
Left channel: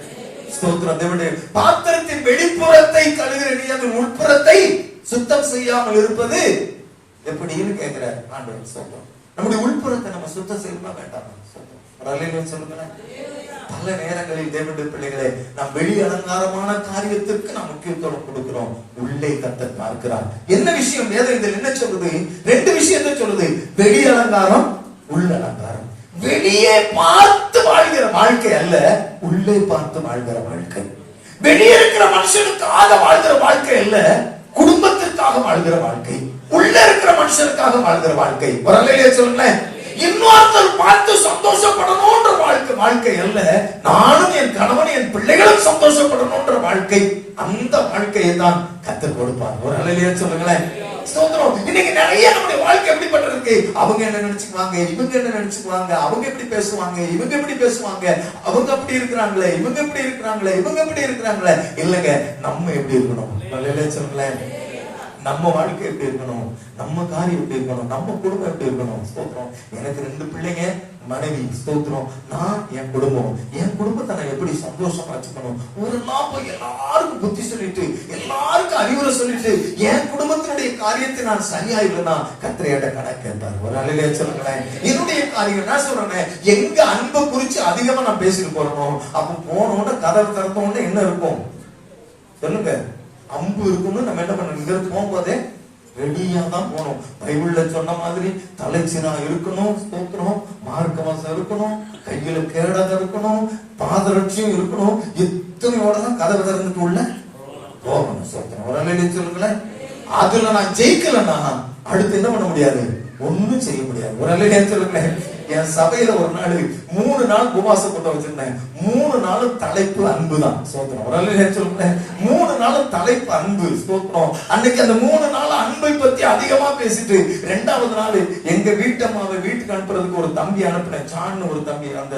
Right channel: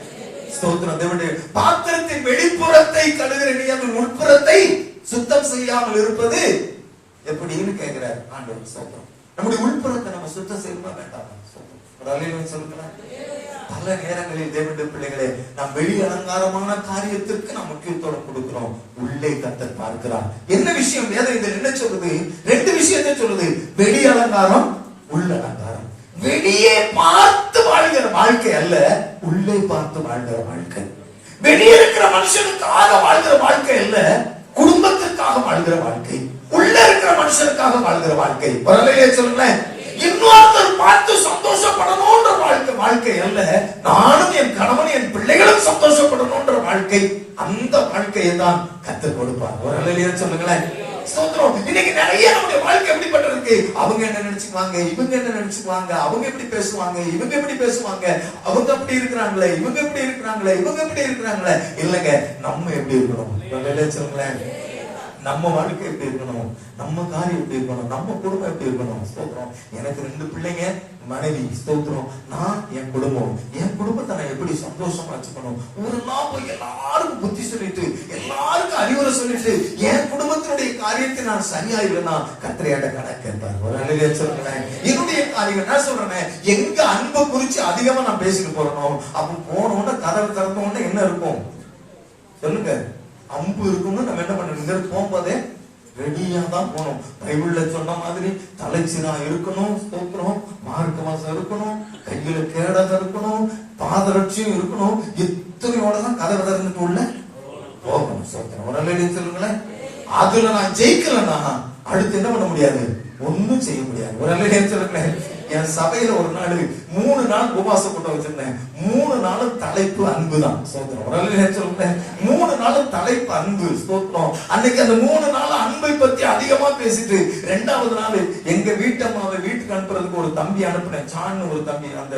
ஸ்தோத்திரம். தேவனுடைய பாத்திரத்தின் வெளிப்புறத்தை கழுவுகிற நீ அந்த உட்புறத்தை சுத்தம் செய்யாமல் இருப்பது எப்படின்னு கேட்கிறார் ஆண்டவர். ஸ்தோத்திரம். நம்முடைய உள்புறத்தை நம்ம சுத்தம் செய்யணுமா வேண்டாமா? ஸ்தோத்திரம். ஒரு அல்லேலூயா சொல்லுங்களேன். பல நேரங்களில் தேவனுடைய பிள்ளைகளே, நாம் வெளி அலங்காரமான காரியத்திற்கு நாம் முக்கியத்துவம் கொடுக்கிறோம். உள்ளே கர்த்தர் பார்க்கிறார். என்ன விஷயம்? வேதம் இதில் என்ன சொல்லுது? ரெண்டு விஷயத்தை சொல்லுது. வெளி அலங்காரம், உள்ள அலங்காரம். வெளியே பார்த்து வாழ்கிற வாழ்க்கை அல்ல, உள்ளே பார்த்து வாழ்கிற வாழ்க்கை. வெளியே இருக்கிற மனுஷனுக்காக வாழ்கிற வாழ்க்கை அல்ல, குடும்பத்திற்காக வாழ்கிற வாழ்க்கை. உள்ள இருக்கிற மனுஷனுக்காக வாழ்கிற வாழ்க்கை. வரலையே சொல்லுங்களேன். இன்னொருத்தர் பார்த்து சந்தோஷப்படணும்ன்ற வாழ்க்கை அல்ல, நானும் என் கணவன் என் பிள்ளைகளும் சந்தோஷப்படணும்ன்ற வாழ்க்கை. அந்த வாழ்க்கையை தான் கர்த்தர் கொடுப்பார். வரலையே சொல்லுங்களேன். இன்னைக்கு நிறைய நம்முடைய வாழ்க்கை எப்படிப்பட்ட இருக்கு. அவங்க என்ன நினைச்சுக்குவாங்க, இவங்க என்ன நினைச்சுக்குவாங்க, அவங்க எப்படி பேசுவாங்க, இவங்க எப்படி பேசுவாங்க, அவங்க அப்படி இருக்கிறாங்களே, இவங்க எப்படி இருக்கிறாங்களே, இவங்க எப்படி இருக்கிறாங்களே. இல்லங்க, நம்ம எப்படி இருக்கணும் சொல்லுங்களேன். நம்ம வாழ்க்கை எப்படி இருக்கணும், நம்ம காரியம் எப்படி இருக்கணும், நம்ம குடும்பம் எப்படி இருக்கணும். ஸ்தோத்திரம். எனக்கு 2 பிள்ளைங்க, மனைவி. ஸ்தோத்திரம். நான் என் குடும்பத்தை நான் எப்படி சந்தோஷமா வச்சுக்கணும். ஒரு நாள் போய் எல்லாருக்கும் புத்தி சொல்லிட்டு எல்லாருக்கும் அறிவுரை சொல்லிட்டு என் குடும்பத்தினுடைய காரியத்தை நான் சரியா இல்லைன்னா கத்திரையாட கணக்கு கேட்பார். ஒரு அல்லேலூயா சொல்லுங்களேன். என்னுடைய காரியம் நான் சொல்றேன், எங்க அன்பை குறிச்சு அதிகமா நான் பேசிட்டு போறோம். அப்ப போனோட கதவு திறந்தோட என்ன இருக்கும் சொல்லுங்க, அம்பு இருக்கும்னு நம்ம என்ன பண்ணணும், போகும்போதே ரெடியா தான் போகணும். பைபிள்ல சொன்ன மாதிரி தலைச்சினா இருக்கணும், ஸ்தோத்திரம், மார்க்க வாசம் இருக்கணும், கையில கேடகம் இருக்கணும், பாதரட்சியும் இருக்கணும். இத்தனையோட தான் கதவு திறந்துட்டு உள்ள போகணும். ஸ்தோத்திரம். ஒரு அல்லேலூயா சொல்லுங்களேன். அதுல நான் ஜெயிக்கலன்னா அடுத்து என்ன பண்ண முடியாது, ஒண்ணும் செய்ய முடியாது. ஒரு அல்லேலூயா சொல்லுங்களேன். என் சபையில ஒரு நாள் 3 நாள் உபவாச கூட்டம் வச்சிருந்தேன். 3 நாளும் தலைப்பு அன்பு தான். ஸ்தோத்திரம். ஒரு அல்லேலூயா சொல்லுங்களேன். 3 நாளும் தலைப்பு அன்பு. ஸ்தோத்திரம். அன்னைக்கு அந்த 3 நாள் அன்பை பத்தி அதிகமா பேசிட்டு 2வது நாள் எங்க வீட்டம்மாவை வீட்டுக்கு அனுப்புறதுக்கு ஒரு தம்பி அனுப்புனேன். சான்னு ஒரு தம்பி. அந்த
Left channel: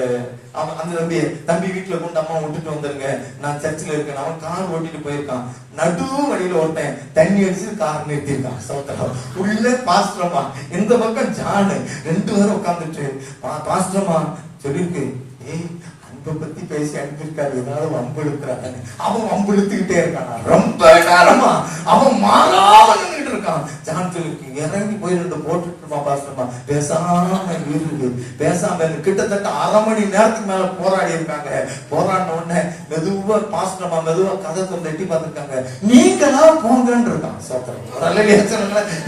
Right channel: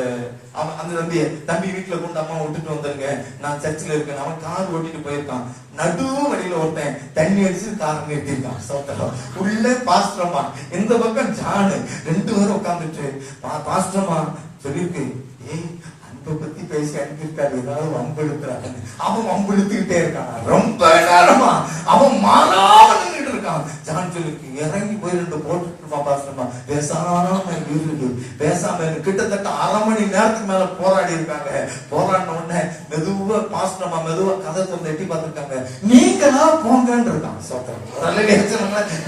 தம்பி வீட்டுல கொண்டு அம்மா விட்டுட்டு வந்துருங்க, நான் சர்ச்சில் இருக்கேன். அவன் கார் ஓட்டிட்டு போயிருக்கான். நடு வழியில ஒருத்தன் தண்ணி அடிச்சு கார் நிறுத்திருக்கான். ஸ்தோத்திரம். உள்ள பாஸ்டர்மா, இந்த பக்கம் ஜானு, 2 பேரும் உட்காந்துட்டு பாஸ்டர்மா சொல்லிருக்கு, ஏய் அன்பை பத்தி பேசி அனுப்பியிருக்காரு, ஏதாவது வம்பு எடுக்கிறாங்க. அவன் வம்பு எடுத்துக்கிட்டே இருக்கான். ரொம்ப நேரமா அவன் மாறாம நின்றுட்டு இருக்கான். ஜான் சொல்லிருக்கு, இறங்கி போய் 2 போட்டுட்டுமா பாஸ்டர்மா, பேசாம இருக்கு, பேசாம கிட்டத்தட்ட 1/2 மணி நேரத்துக்கு மேல போராடி இருக்காங்க. போராடின உடனே மெதுவா பாஸ்டர்மா மெதுவா கதை திறந்து எட்டி பார்த்திருக்காங்க. நீங்களா போங்கன்னு இருக்கான்.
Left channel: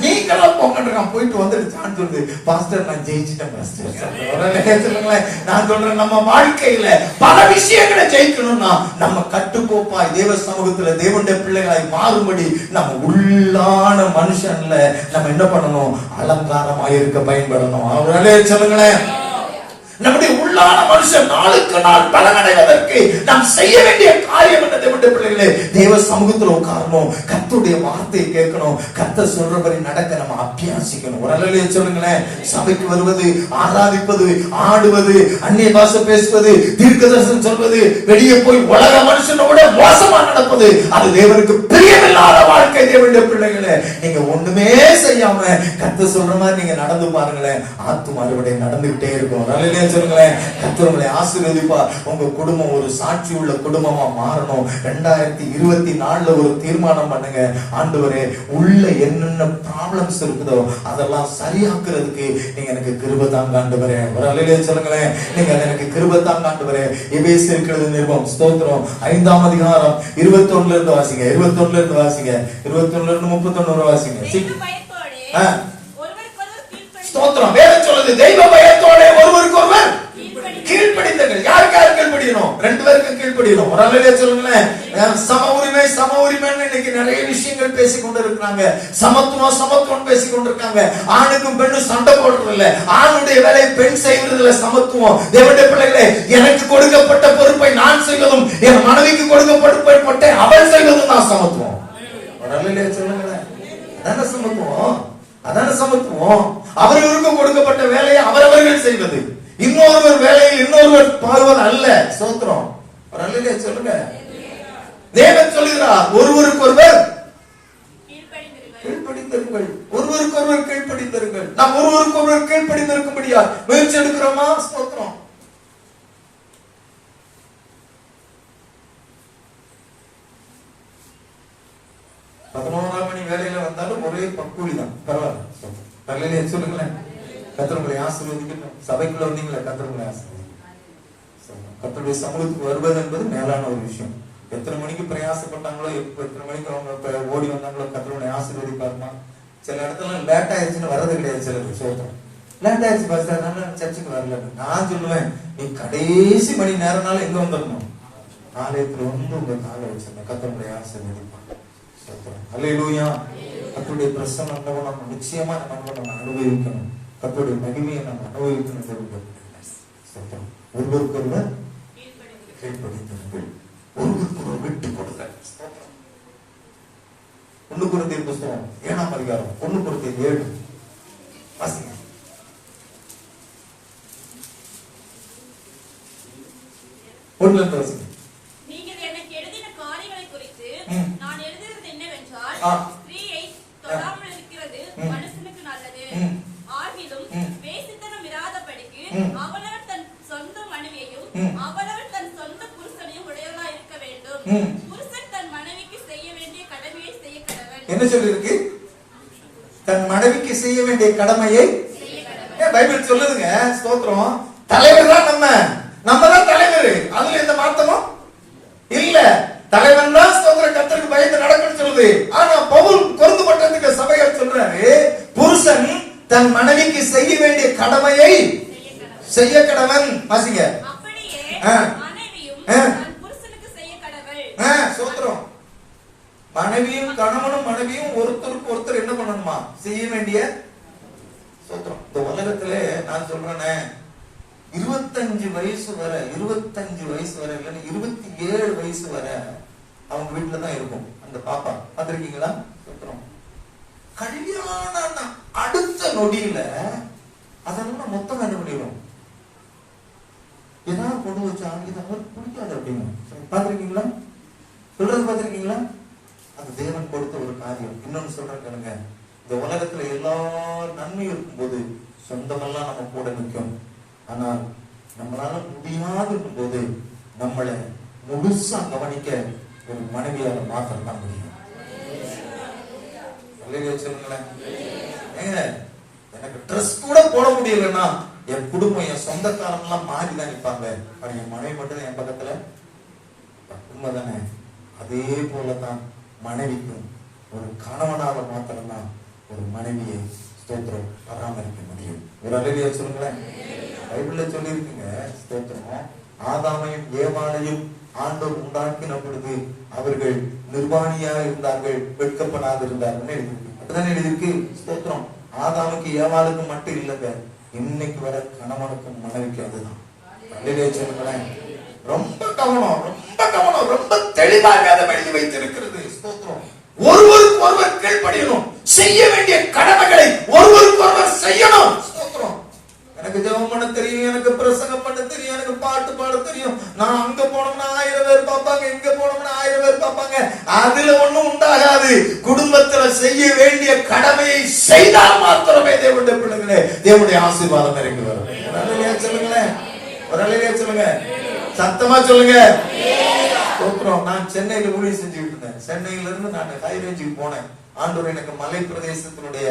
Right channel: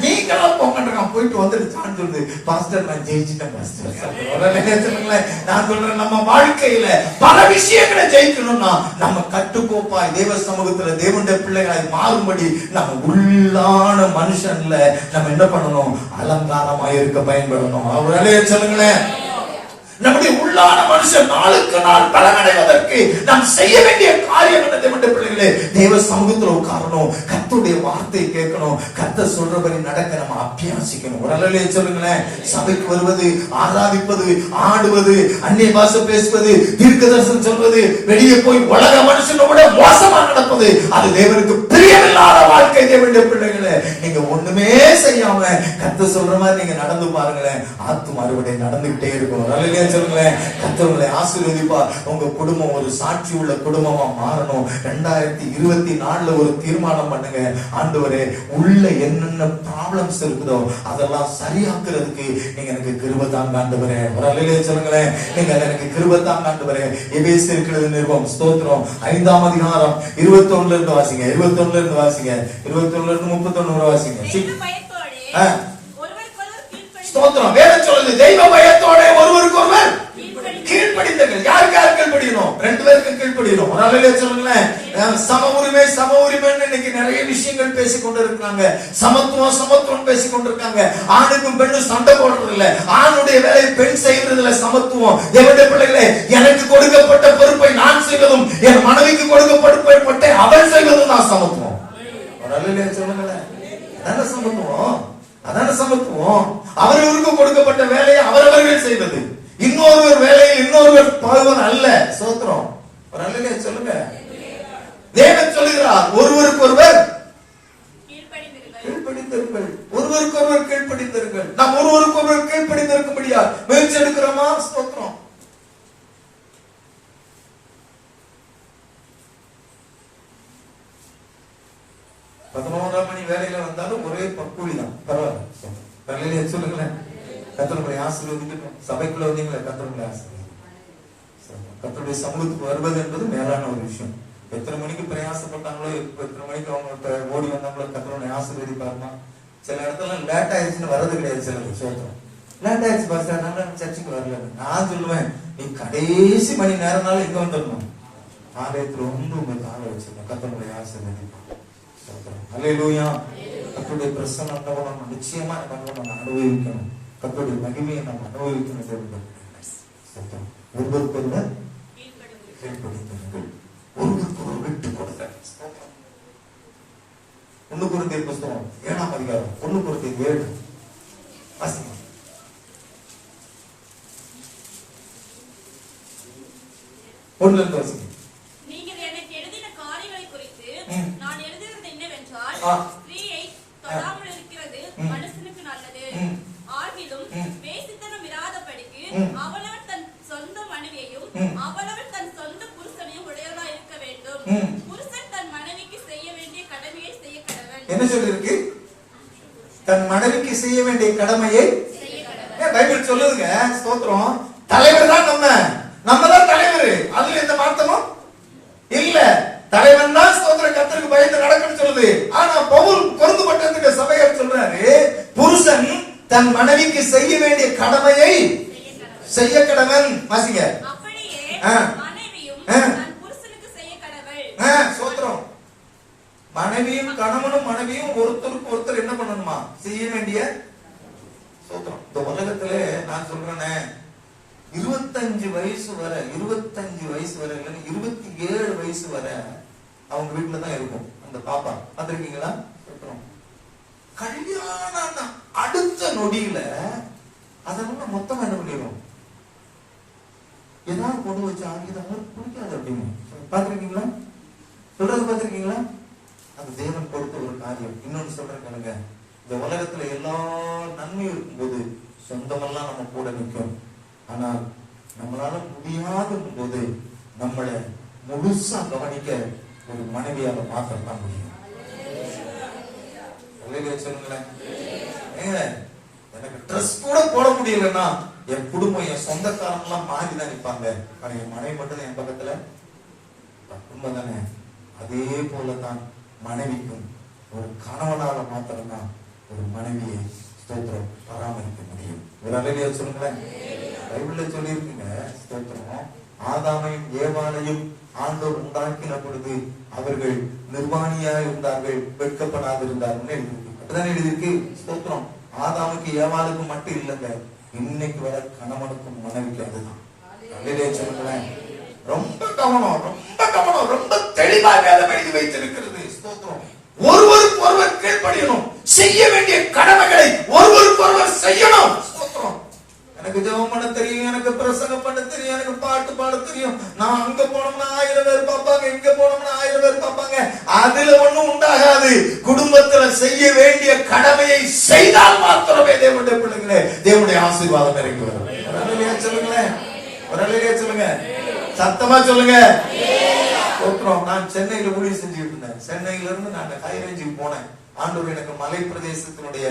நீங்களா போங்கன்னு இருக்கான். போயிட்டு வந்துட்டு ஜான் சொல்லுது, பாஸ்டர் நான் ஜெயிச்சிட்டேன் பாஸ்டர். நான் சொல்றேன், நம்ம வாழ்க்கையில பல விஷயங்களை ஜெயிக்கணும்னா நம்ம கட்டுக்கோப்பாய் தேவ சமூகத்துல தேவனுடைய பிள்ளைகளாய் மாறும்படி நம்ம உள்ளான மனுஷன்ல நம்ம என்ன பண்ணணும், அலங்காரமாய் இருக்க பயன்படணும். அவர்களே சொல்லுங்களேன். நம்முடைய உள்ளான மனுஷன் நாளுக்கு நாள் பலனடைவதற்கு நாம் செய்ய வேண்டிய காரியம் என்ன? தேவனுடைய பிள்ளைகளே, தேவ சமூகத்தில் உட்காரணும், கர்த்தருடைய வார்த்தையை கேட்கணும், கர்த்தர் சொல்றபடி நடக்க நம்ம அபியாசிக்கணும். ஒரு அல்லேலூயா சொல்லுங்களேன். சபைக்கு வருவது, ஆராதிப்பது, ஆடுவது, அந்நிய பாஷை பேசுவது, தீர்க்கதரிசனம் சொல்வது, வெளியே போய் உலக மனுஷனோட மோசமா நடப்பது, அது தேவனுக்கு பிரியமில்லாத வாழ்க்கை. தேவனுடைய பிள்ளைகளே, நீங்க ஒண்ணுமே செய்யாம கர்த்தர் சொல்ற மாதிரி நீங்க நடந்து பாருங்களேன், ஆத்தும அறுவடை நடந்துகிட்டே இருக்கும். அல்லேலூயா சொல்லுங்களேன். கர்த்தரை ஆசீர்வதிப்பா. உங்க குடும்பம் ஒரு சாட்சி உள்ள குடும்பமா மாறணும். 2024 ஒரு தீர்மானம் பண்ணுங்க. ஆண்டவரே, உள்ள என்னென்ன ப்ராப்ளம்ஸ் இருக்குதோ அதெல்லாம் சரியாக்குறதுக்கு நீங்க எனக்கு கிருபை தாங்க ஆண்டவரே. ஒரு அல்லேலூயா சொல்லுங்களேன். நீங்க எனக்கு கிருபை தாங்க ஆண்டவரே. எபேசியர் நிருபம் ஸ்தோத்திரம் 5ஆம் அதிகாரம் 21 இருந்து வாசிங்க. 21 இருந்து வாசிங்க. 21 இருந்து 31 வாசிங்க. ஸ்தோத்திரம். வேதம் சொல்லுது, தெய்வ பயத்தோட ஒரு ஒருவர் கீழ்ப்படிந்தீர்கள். யாருக்கு யார் கீழ்ப்படியணும்? 2 பேருக்கும் கீழ்ப்படியணும். ஒரு அல்லேலூயா சொல்லுங்களேன். சம உரிமை சம உரிமைன்னு இன்னைக்கு நிறைய விஷயங்கள் பேசிக் கொண்டு இருக்கிறாங்க. சமத்துவம் சமத்துவம் பேசிக் கொண்டிருக்காங்க. ஆணுக்கும் பெண்ணும் சண்டை போடுறது இல்ல. ஆணுடைய வேலையை பெண் செய்வது இல்ல. சமத்துவம். தேவனுடைய பிள்ளைகளே, எனக்கு கொடுக்கப்பட்ட பொறுப்பை நான் செய்வதும் என் மனைவிக்கு கொடுக்கப்பட்ட அவள் செய்வதும் நான் சமத்துவம். ஒரு அல்லேலூயா சொல்லுங்களேன். அதான சமத்துவம். அதான சமத்துவம். அவர்களுக்கு கொடுக்கப்பட்ட வேலையை அவரவர்கள் செய்வது, இன்னொருவர் வேலையை இன்னொருவர் பாடுவது அல்ல. ஸ்தோத்திரம். ஒரு அல்லேலூயா சொல்லுங்க. தேவன் சொல்கிறார், ஒருவருக்கு ஒருவர் கீழ்ப்படிந்தீர்கள். ஒருவருக்கு ஒருவர் கீழ்ப்படிந்தீர்கள். நாம் ஒருவருக்கு ஒருவர் கீழ்ப்படிந்திருக்கும்படியா முயற்சி எடுக்கிறோமா? ஸ்தோத்திரம். மணி வேலையில வந்தாலும் ஒரே பக்கூலி தான். பரவாயில்ல. சொல்லுங்களேன். கர்த்தருடைய ஆசீர்வதிக்கட்டும். சபைக்குள்ள வந்தீங்களா? கர்த்தருடைய ஆசீர்வாதம். கர்த்தருடைய சமூகத்துக்கு வருவது என்பது மேலான ஒரு விஷயம். எத்தனை மணிக்கு பிரயாசப்பட்டாங்களோ, எத்தனை மணிக்கு அவங்க ஓடி வந்தாங்களோ, கர்த்தருடைய ஆசீர்வதிப்பாருமா. சில இடத்துல லேட் ஆயிடுச்சுன்னு வர்றது கிடையாது. சில விஷயம் லேட் ஆயிடுச்சு பஸ் சர்ச்சுக்கு வரல. நான் சொல்லுவேன், நீ கடைசி மணி நேரம்னால எங்க வந்துடணும்? ஆலயத்துல ஒன்று உங்க கால வச்சிருந்தேன். கர்த்தருடைய ஆசீர்வதிப்பார். அல்லேலூயா. கர்த்தருடைய பிரசன்னத்தை நம்ம நிச்சயமா நம்ம அனுபவிக்கணும். கர்த்தருடைய மகிமையை நம்ம அனுபவிக்கணும். ஒருவருக்கொருவர் கீழ்ப்படிந்தீர்கள். ஒருவருக்கொருவர் விட்டுக் கொடுங்கள். 1 கொரிந்தியர் புத்தகம் 7ஆம் அதிகாரம் 1 கொரிந்தியர் 7 வாசிங்க. 1 வாசிங்க. நீங்கள் எனக்கு எழுதின காரியங்களை குறித்து நான் எழுதுகிறது என்னவென்றால், ஸ்திரீயை தொடாமல் இருக்கிறது மனுஷனுக்கு நல்லது. ஆகிலும் வேசித்தனம் இராதபடிக்கு அவனவன் தன் சொந்த மனைவியையும் அவனவன் தன் சொந்த புருஷனையும் உடையவனாய் இருக்க வேண்டும். புருஷன் தன் மனைவிக்கு செய்ய வேண்டிய கடமையை செய்ய கடவன். என்ன சொல்லி இருக்கு? தன் மனைவிக்கு செய்ய வேண்டிய கடமையை செய்ய கடவன். பைபிள் சொல்லுதுங்க. ஸ்தோத்திரம். தலைவர் தான் நம்ம தான் தலைவர். அதுல எந்த மாற்றமும் இல்ல. தலைவன் தான் ஸ்தோத்திர கர்த்தருக்கு பயந்து நடக்கணும்னு சொல்லுது. ஆனா பவுல் கொரிந்து பட்டணத்துக்கு சபையார் சொல்றாரு, புருஷன் தன் மனைவிக்கு செய்ய வேண்டிய கடமையை செய்ய கடவன். வாசிங்க. அப்படியே மனைவியும் தன் புருஷனுக்கு செய்ய கடவள். ஸ்தோத்திரம். மனைவியும் கணவனும் மனைவியும் ஒருத்தருக்கு ஒருத்தர் என்ன பண்ணணுமா? செய்ய வேண்டிய. ஸ்தோத்திரம். இந்த உலகத்திலே நான் சொல்றேனே, 25 வயசு வரை 25 வயசு வரை இல்ல 27 வயசு வரை அவங்க வீட்டுல தான் இருக்கும் அந்த பாப்பா. பார்த்திருக்கீங்களா? சொல்றோம். கல்யாணம் அடுத்த நொடியில அதனால மொத்தம் என்ன பண்ணிடும்? ஏதாவது கொண்டு வச்சு ஆகியது அவங்களுக்கு பிடிக்காது அப்படின்னு. பார்த்திருக்கீங்களா? சொல்றது பார்த்திருக்கீங்களா? அது தேவன் கொடுத்த ஒரு காரியம். இன்னொன்னு சொல்றேன் கேளுங்க. இந்த உலகத்துல எல்லா நன்மையும் இருக்கும்போது சொந்தமெல்லாம் நம்ம கூட நிற்கும். ஆனால் நம்மளால முடியாத போது நம்மளை முழுசா கவனிக்க ஒரு மனைவியால மாத்திரம் தான் முடியும். சொல்லுங்களேன். ஏங்க, எனக்கு ட்ரெஸ் கூட போட முடியலன்னா என் குடும்பம் என் சொந்தக்காரங்க எல்லாம் மாறிதான் நிற்பாங்க. ஆனா என் மனைவி மட்டும் என் பக்கத்துல குடும்பம் தானே. அதே போலதான் மனைவிக்கும் ஒரு கணவனால மாத்திரம்தான் ஒரு மனைவியை ஸ்தோத்திரம் பராமரிக்க முடியும். ஒரு அல்லேலூயா சொல்லுங்களேன். பைபிள்ல சொல்லி இருக்குங்க. ஸ்தோத்திரம். ஆதாமையும் ஏவாளையும் ஆண்டவர் உண்டாக்கின பொழுது அவர்கள் நிர்வாணியாக இருந்தார்கள், வெட்கப்படாது இருந்தார்கள் எழுதியிருக்கு. அப்படிதான் எழுதியிருக்கு. ஸ்தோத்திரம். ஆதாமுக்கு ஏவாளுக்கு மட்டும் இல்லைங்க, இன்னைக்கு வர கணவனுக்கும் மனைவிக்கு அதுதான். அல்லேலூயா சொல்லுங்களேன். ரொம்ப கவனம், ரொம்ப கவனம், ரொம்ப தெளிவாக அதை எழுதி வைத்திருக்கிறது. ஸ்தோத்திரம். ஒருவருக்கு ஒருவர் கீழ்ப்படியணும். செய்ய வேண்டிய கடமைகளை ஒருவருக்கு ஒருவர் செய்யணும். ஸ்தோத்திரம். எனக்கு ஜெபம் பண்ண தெரியும், எனக்கு பிரசங்கம் பண்ண தெரியும், எனக்கு பாட்டு பாட தெரியும். நான் அங்க போனோம்னா 1000 பேர் பார்ப்பாங்க, இங்க போனோம்னா 1000 பேர் பார்ப்பாங்க. அதுல ஒண்ணும் உண்டாகாது. குடும்பத்துல செய்ய வேண்டிய கடமையை செய்தால் மாத்திரமே தேவனுடைய பிள்ளைகளே தேவனுடைய ஆசீர்வாதம் இறங்கி வரும். சொல்லுங்களேன். சொல்லுங்க. சத்தமா சொல்லுங்க. நான் சென்னையில ஊழியம் செஞ்சுட்டு இருந்தேன். சென்னையில இருந்து நான் கைரேஞ்சுக்கு போனேன். ஆண்டவர் எனக்கு மலை பிரதேசத்தினுடைய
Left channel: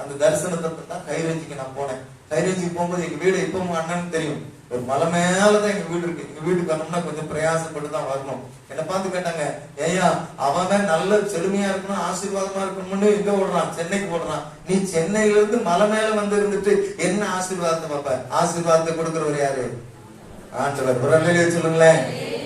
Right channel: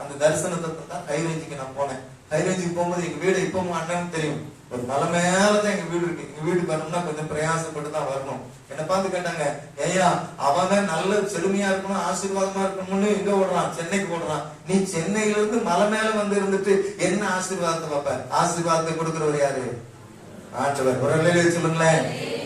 அந்த தரிசனத்தை தான் கைரேஞ்சுக்கு நான் போனேன். கைரேஞ்சுக்கு போகும்போது எங்க வீடு இப்பவும் அண்ணனுக்கு தெரியும். ஒரு மலை மேலதான் எங்க வீடு இருக்கு. எங்க வீட்டுக்கு வரணும்னா கொஞ்சம் பிரயாசப்பட்டு தான் வரணும். என்ன பார்த்து கேட்டாங்க, ஐயா அவன் நல்ல செழுமையா இருக்கணும், ஆசீர்வாதமா இருக்கணும்னு எங்க ஓடுறான், சென்னைக்கு போடுறான். நீ சென்னையில இருந்து மலை மேல வந்து இருந்துட்டு என்ன ஆசீர்வாதத்தை பார்ப்ப? ஆசீர்வாதத்தை கொடுக்கிறவர் யாரு? ஆண்டவர். ஒரு அல்லேலூயா சொல்லுங்களேன்.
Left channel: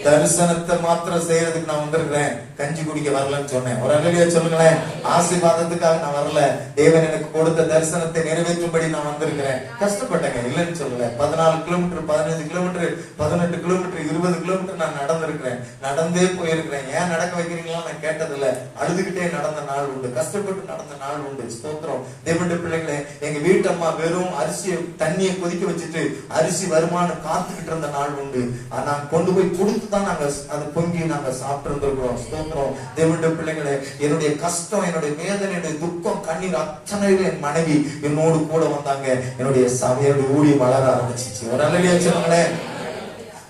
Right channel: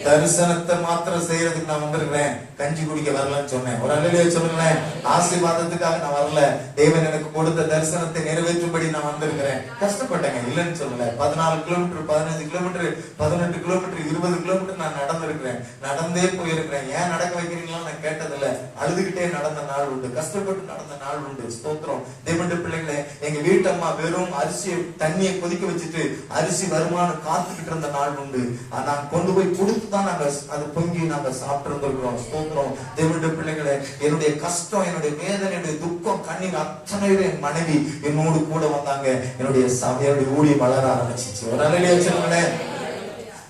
தரிசனத்தை மாத்திரம் செய்யறதுக்கு நான் வந்திருக்கிறேன், கஞ்சி குடிக்க வரலன்னு சொன்னேன். ஒரு அல்லேலூயா சொல்லுங்களேன். ஆசீர்வாதத்துக்காக நான் வரல, தேவன் எனக்கு கொடுத்த தரிசனத்தை நிறைவேற்றும்படி நான் வந்திருக்கிறேன். கஷ்டப்பட்டேங்க, இல்லைன்னு சொல்லல. 14 கிலோமீட்டர், 15 கிலோமீட்டர், 18 கிலோமீட்டர், 20 கிலோமீட்டர் நான் நடந்திருக்கிறேன், நடந்தே போயிருக்கிறேன். ஏன் நடக்க வைக்கிறீங்களா நான் கேட்டதில்ல, அழுதுகிட்டே நடந்த நாள் உண்டு, கஷ்டப்பட்டு நடந்த நாள் உண்டு. ஸ்தோத்திரம். தேவனுடைய பிள்ளைகளே, எங்க வீட்டம்மா வெறும் அரிசியை தண்ணியை கொதிக்க வச்சுட்டு அரிசி வருமானம் காத்துக்கிட்டு இருந்த நாள் உண்டு. நான் கொண்டு போய் கொடுத்து தான் நாங்க அது பொங்கி நாங்க சாப்பிட்டு ஸ்தோத்திரம். தேவனுடைய பிள்ளைகளே, என்னுடைய கஷ்டம், என்னுடைய வேதனை, என்னுடைய துக்கம், கண்ணீர் அத்தனையில என் மனைவி என்னோடு கூட வந்தாங்க. என்னுடைய சபையோட ஊழியம் வளர ஆரம்பிச்சிச்சு. ஒரு நல்ல சொல்லுங்களேன்.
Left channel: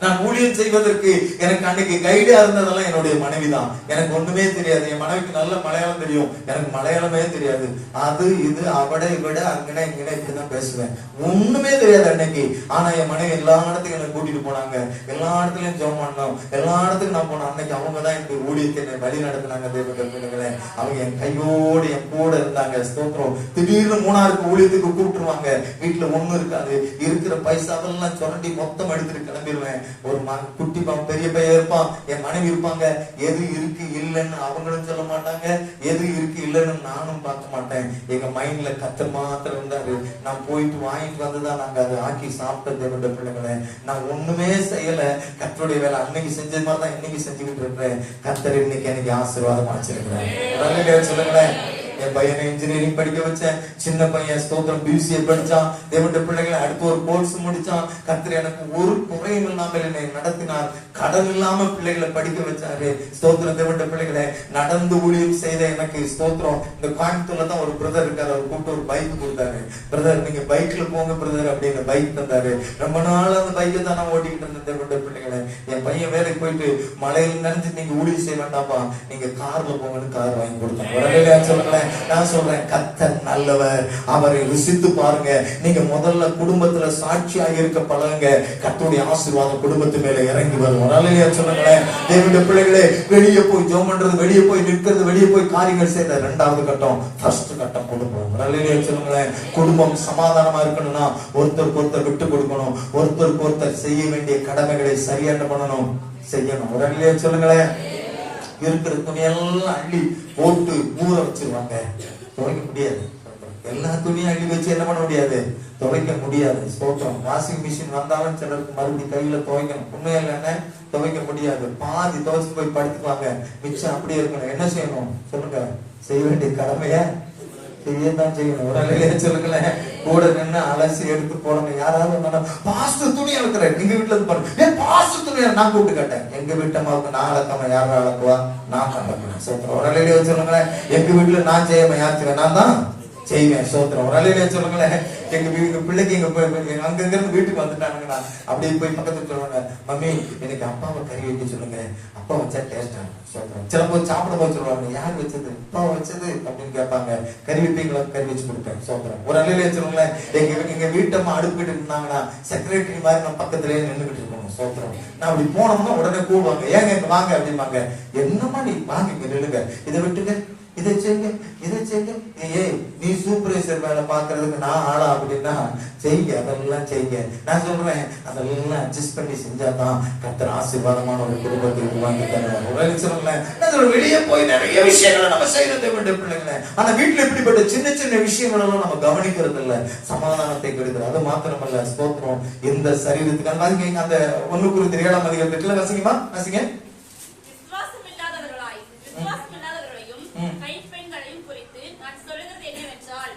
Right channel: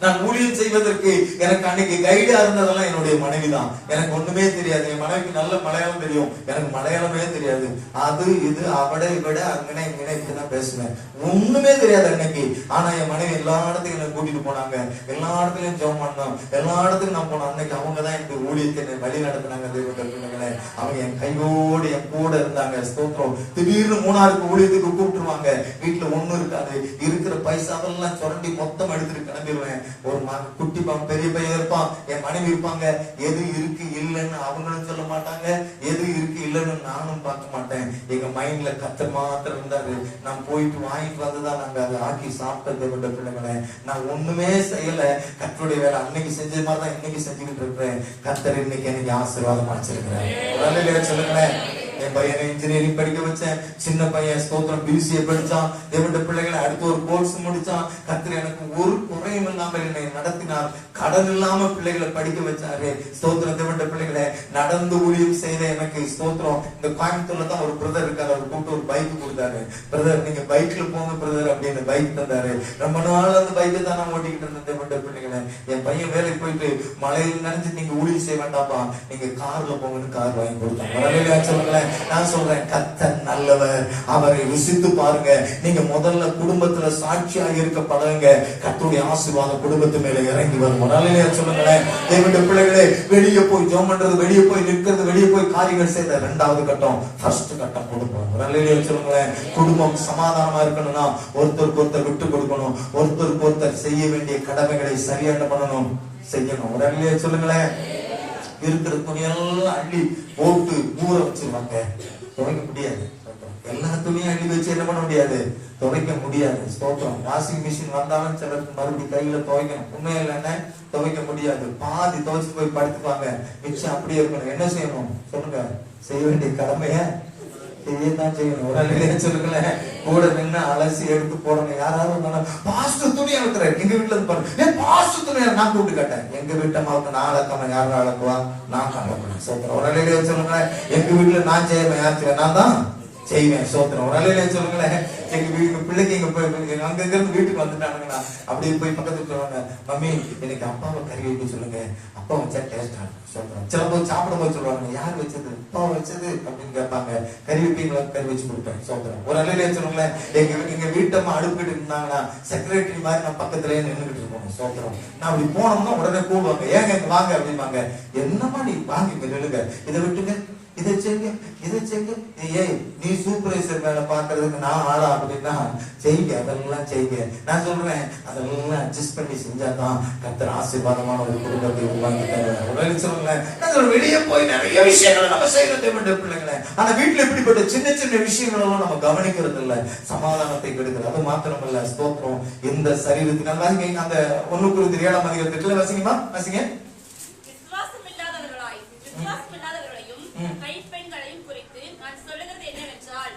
நான் ஊழியம் செய்வதற்கு எனக்கு அன்னைக்கு கைடா இருந்ததெல்லாம் என்னுடைய மனைவி தான். எனக்கு ஒண்ணுமே தெரியாது. என் மனைவிக்கு நல்ல மலையாளம் தெரியும், எனக்கு மலையாளமே தெரியாது. அது இது அவட விட அங்கனே இங்கனே இப்படிதான் பேசுவேன், ஒண்ணுமே தெரியாது அன்னைக்கு. ஆனா என் மனைவி எல்லா இடத்துக்கும் என்ன கூட்டிட்டு போனாங்க, எல்லா இடத்துலயும் ஜெபம் பண்ணோம், எல்லா இடத்துக்கும் நான் போனேன். அன்னைக்கு அவங்கதான் எனக்கு ஊழியத்தை என்னை வழி நடத்தினாங்க. தேவனுடைய அவங்க என் கையோடு என் கூட இருந்தாங்க. ஸ்தோத்திரம். திடீர்னு மூணாருக்கு ஊழியத்துக்கு கூப்பிட்டுருவாங்க. வீட்டுல ஒண்ணு இருக்காது, இருக்கிற பைசாவெல்லாம் சுரண்டி மொத்தம் எடுத்துட்டு கிளம்பிடுவேன். ஒரு குட்டி பெரிய பையன் இருப்பான், என் மனைவி இருப்பாங்க. எது இருக்கு இல்லைன்னு அவங்களும் சொல்ல மாட்டாங்க, எது இருக்கு இல்லைன்னு நானும் பார்க்க மாட்டேன். எங்க மைண்ட்ல கத்தர் மாத்திரம் இருந்தாரு. நான் போயிட்டு வாங்கிட்டு வந்துதான் நாங்க அதை ஆக்கி சாப்பிட்டது. என்னோட பிள்ளைங்களை நான் ஒண்ணுமே செய்யல, கத்தருடைய வேலை அன்னைக்கு செஞ்சது மாதிரி தான் இன்னைக்கு செஞ்சுக்கிட்டு இருக்கிறேன். கத்தர் இன்னைக்கு எனக்கு ஆசீர்வாதம் வச்சிருக்கிறேன். சொல்லுங்களேன். என் பையனை இன்ஜினியரிங் படிக்க வச்சேன். சின்ன பையன் ஸ்தோத்திரம் பிசிஏ படிச்சான். தேவனுடைய பிள்ளைகளை அடுத்து ஒரு கோர்ஸ் முடிச்சான். கர்த்தர் எனக்கு ஒரு குறையும் இல்லாமல் என்னை நடத்தினார். கடன் இல்லாம பிள்ளைகளை படிக்க வச்சாரு. ஸ்தோத்திரம். தேவனுடைய பிள்ளைகளை நடந்து ஊழியம் செய்த எனக்கு ஸ்தோத்திரம். இந்த கோயம்புத்தூர்ல தான் ஒரு பிரதர் இருக்காரு, அவர் கூப்பிட்டு ஒரு பைக் கொடுத்தாரு. பிரதர் நீங்க பைக்ல போங்க பிரதர் அப்படின்னு பைக் தந்தாரு. ரொம்ப நாள் அந்த பைக்கை தான் நான் ஓட்டிக்கிட்டு இருந்தேன். தேவனுடைய பிள்ளைகளை, என் பையன் வேலைக்கு போயிட்டு மலையில நினைச்சு நீங்க ஊழியம் செய்ய வேண்டாப்பா, நீங்க கார்ல போங்கன்னு கார் வாங்கி கொடுத்தாங்க. சொல்லுங்களேன். நான் சொல்றேன், கர்த்தர் நல்லவர், அவரை ருசித்து பாருங்க. நீங்க முதல்ல குடும்பத்துல சாட்சியா இருக்க பழங்க, கர்த்தருடைய ஆசீர்வாதம் குடும்பத்து மேல இறங்கி வரும். சொல்லுங்களேன். தேவனுடைய பிள்ளைகளே, வெளியே போய் ஜெபம் பண்றது, வெளியே போய் நிற்கிறது, வெளியே போய் காரியங்கள் செய்த 2வது கட்டம். ஃபர்ஸ்ட் கட்டம் குடும்பம். சொல்லுங்களேன். குடும்பம் சமாதானமா இருக்கணும்னா ஒருத்தருக்கு ஒருத்தர் விட்டு கொடுக்கணும், ஒருத்தருக்கு ஒருத்தர் செய்ய வேண்டிய கடமைகளை சரியான பண்ணணும், செய்யணும். சொல்லுங்களேன். இருக்கிற துணியெல்லாம் அள்ளி போட்டு ஊற வச்சிருவாங்க, துவைக்க முடியாது. எல்லா துணியும் அள்ளி வச்சு என்ன பண்ண முடியாது, துவைக்க முடியாது. ஸ்தோத்திரம். வாஷிங் மிஷின் வந்தாலும் சிலருக்கு மறுபடியும் கையில துவைக்கணும், உண்மையா இல்லைன்னா துவைக்க முடியாது. பாதி துவைச்சு போய் படுத்துக்குவாங்க, மிச்சம் அப்படியே இருக்கணும். என்ன செய்யணும் சொல்லுங்க, செய்ய வேண்டிய கடமைய செய்யத்தான் செய்யணும். ஒரு அழகைய சொல்லுங்களேன். கூட நின்று அலசி எடுத்து போடுங்க. யாராவது பாஸ்து துணி அழுத்துறேன், எங்க வீட்டுல இருந்து பாருங்க, பாஸ்து துணி நான் கூப்பிட்டு கேட்டேன். எங்க வீட்டு அம்மாவுக்கு நான் அழக்காம யாரும் அழக்குவா, நான் அழக்குவேன். சொல்றேன். ஒரு அழகைய சொல்லுங்களேன். எங்க வீட்டுல நான் செய்யாம யார் செய்வேன், நான் தான் செய்வேன். சோத்திரம். ஒரு அலையில சொல்லுங்களேன். எங்க பிள்ளைக்கு எங்க அங்க இருந்து வீட்டுக்கு வந்துட்டானுங்கண்ணா, அப்படியே போய் பக்கத்துல சொல்லுவாங்க, மம்மி எனக்கு அப்பாவை கறி வைக்க சொல்லுங்க, அப்பா வச்சா டேஸ்டா. சோத்திரம். சில போய் சாப்பிட போய் சொல்லுவாங்க, யார் வச்சது, அப்பா வச்சது அப்படின்னு கேட்பாங்க. கறி வைப்பீங்களா, கறி வச்சு கொடுப்பேன். சோத்திரம். ஒரு அலையில சொல்லுங்களேன். எங்க வீட்டம்மா அடுப்பிட்டு இருந்தாங்கன்னா செக்ரட்டரி மாதிரி நான் பக்கத்துலயே நின்றுகிட்டு இருக்கணும். சோத்திரம். நான் அப்படி போனோம்னா உடனே கூடுவாங்க, ஏங்க இங்க வாங்க அப்படிம்பாங்க. என்னமா நீ வாங்க இங்க நில்லுங்க, இதை விட்டுங்க, இதை செய்யுங்க, இதை செய்யுங்க. ஏய் நீ சூப்பர்வைசர் வேலை பாக்குறதுக்கு நான் ஆளா அப்படின்னா செய்யுங்க, அதெல்லாம் செய்யுங்க. நான் சொல்றேன், அதெல்லாம் அட்ஜஸ்ட் பண்ணி செஞ்சாதான் கர்த்தர் ஆசீர்வாதமான ஒரு குடும்பத்தை உருவாக்கி தருவார். வெளியே போய் நிறைய விஷயங்களை நம்ம செய்யறது பிள்ளைங்களே, ஆனா வீட்டுல இப்படிப்பட்ட சின்ன சின்ன விஷயங்கள் எல்லாம் நம்ம கவனிக்கிறது இல்ல, சமாதானத்தை கெடுக்கிறது. அது மாத்திரமல்ல, ஸ்தோத்திரம். இந்த சரீரத்துக்கு வாசிங்க, அந்த 1 Corinthiயர் 7ஆம் அதிகாரத்துல வாசிங்கம்மா, வாசிங்க. கைப்பெண்களையும் குறித்து நான் சொல்லுகிறது என்னவென்றால்,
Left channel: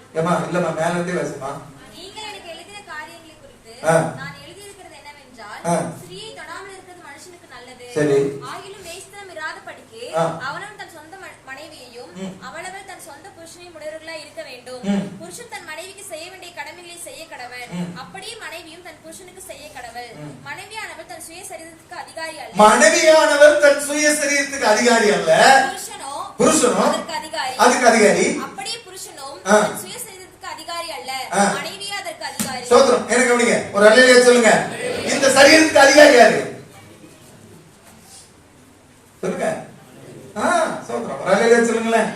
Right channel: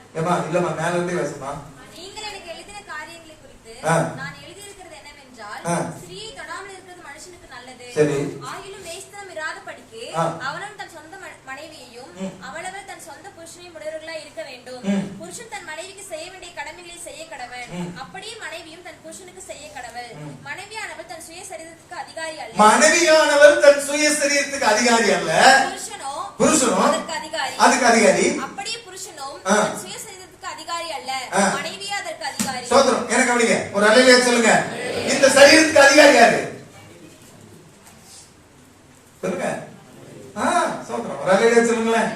இல்லம்மா மேல இருந்தே வாசிமா. நீங்கள் எனக்கு எழுதின காரியங்களை குறித்து நான் எழுதியிருக்கிறது என்னவென்றால், ஸ்திரீயை தொடாமல் இருக்கிறது மனுஷனுக்கு நல்லது. சரி. ஆகிலும் வேசித்தனம் இராதபடிக்கு அவனும் தன் சொந்த மனைவியையும் அவளவள் தன் சொந்த புருஷனையும் உடையவர்களாய் இருக்க வேண்டும். புருஷன் தன் மனைவிக்கு செய்ய வேண்டிய கடமைகளை செய்ய கடவன், அப்படியே மனைவியும் தன் புருஷனுக்கு செய்ய கடவள். மனைவியானவள் தன் சுய சரீரத்துக்கு அதிகாரி அல்ல. மனைவியானவர் தன் சுய சரீரத்துக்கு அதிகாரி அல்ல. புருஷனோ அதற்கு அதிகாரி. அப்படியே புருஷனும் தன் சுய சரீரத்துக்கு அதிகாரி அல்ல, மனைவியே அதற்கு அதிகாரி. சோதரம். எனக்கு கவனிங்க. ஒரு அல்லேலூயா சொல்லுங்க. இந்த இந்த சரீரத்துக்கு அதிகாரி யாரு சொல்லுங்க. சோதரம் ஒரு அலையில சொல்லுங்களேன்.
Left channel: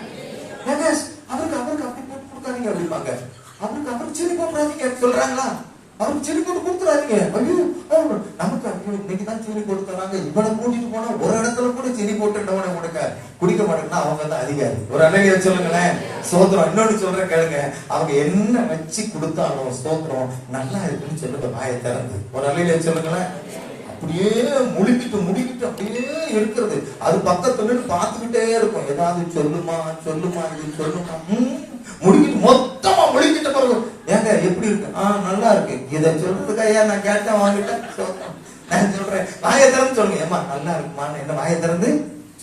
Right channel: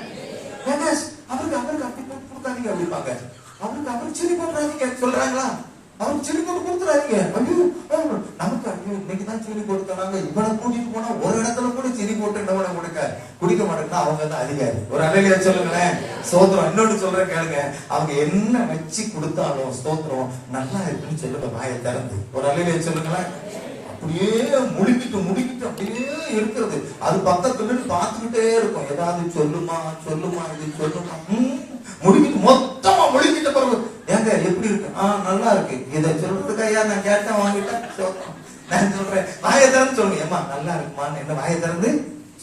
அவருக்கு அப்படி போட்டு கொடுக்காதீங்க அப்படிப்பாங்க. அவருக்கு சின்ன போடுறாதீங்க சொல்றாங்களா? அவருக்கு சின்ன போட்டு கொடுத்துறாதீங்க. ஐயோ நமக்கு ஐயோ இன்னைக்குதான் சீனி கொடுத்துறாங்க, இவனை கூட்டிட்டு போனா ஒரு இடத்துல கூட சீனி போட்டு குடிக்க மாட்டேன்னா அவங்க தான் அதிகாரி. ஒரு அலையில சொல்லுங்களேன். சோதரம் இன்னொன்னு சொல்றேன் கேளுங்க. அவங்க என்ன வச்சு கொடுத்தாலும் ஸ்தோத்திரம் நல்லா இருக்குன்னு சொல்லுங்க வாயை திறந்து. ஒரு அலையில சொல்லுங்களேன். அப்படியே முடிக்கிட்டு அப்படியே இருக்கிறது. அது பக்கத்துல பார்த்துக்கிட்டே இருக்கும். ஏதாவது சொல்லுமா இது சொல்லுமா முடிக்கிட்டு மொத்தமா முடிக்கிட்ட பிறகு ஏங்க எப்படி இருக்கு? நல்லா இருக்கு. இதை சொல்றதுக்கு ஐயா நான் கேட்டேன் வாங்கிட்டேன். நான் சொல்றேன் வாயை திறந்து சொல்லுங்க. ஏமா நல்லா இருக்குமான்னு என்ன வாயை திறந்து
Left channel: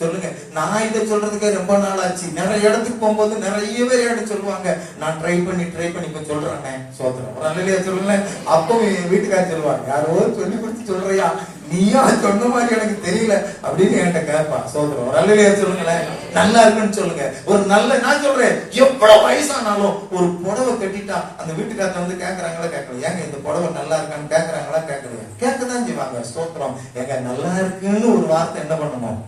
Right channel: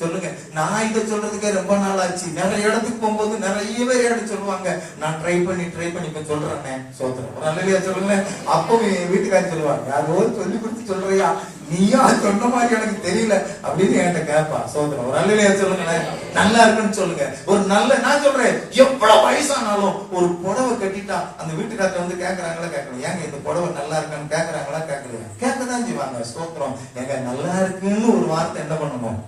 சொல்லுங்க. நான் இதை சொல்றதுக்கே ரொம்ப நாள் ஆச்சு. நிறைய இடத்துக்கு போகும்போது நிறைய பேர் எடுத்து சொல்லுவாங்க. நான் ட்ரை பண்ணி இப்ப சொல்றேன். சோத்திரம் நல்ல சொல்லுங்க. அப்போ என் வீட்டுக்காரர் சொல்லுவாங்க, யாரோ சொல்லி கொடுத்து சொல்றியா, நீயா சொன்ன மாதிரி எனக்கு தெரியல அப்படின்னு என்கிட்ட கேட்பா. சோதரம் ஒரு நல்ல சொல்லுங்களேன். நல்லா இருக்குன்னு சொல்லுங்க. ஒரு நல்ல நான் சொல்றேன், எவ்வளவு வயசானாலும் ஒரு புடவை கட்டிட்டா அந்த வீட்டுக்காரத்தை வந்து கேட்கறாங்களா கேட்கணும். ஏங்க இந்த புடவை நல்லா இருக்கான்னு கேட்கறாங்களா கேட்கலையா? கேட்கதான் செய்வாங்க. சோத்திரம் எங்க நல்லா இருக்குன்னு ஒரு வார்த்தை என்ன பண்ணணும்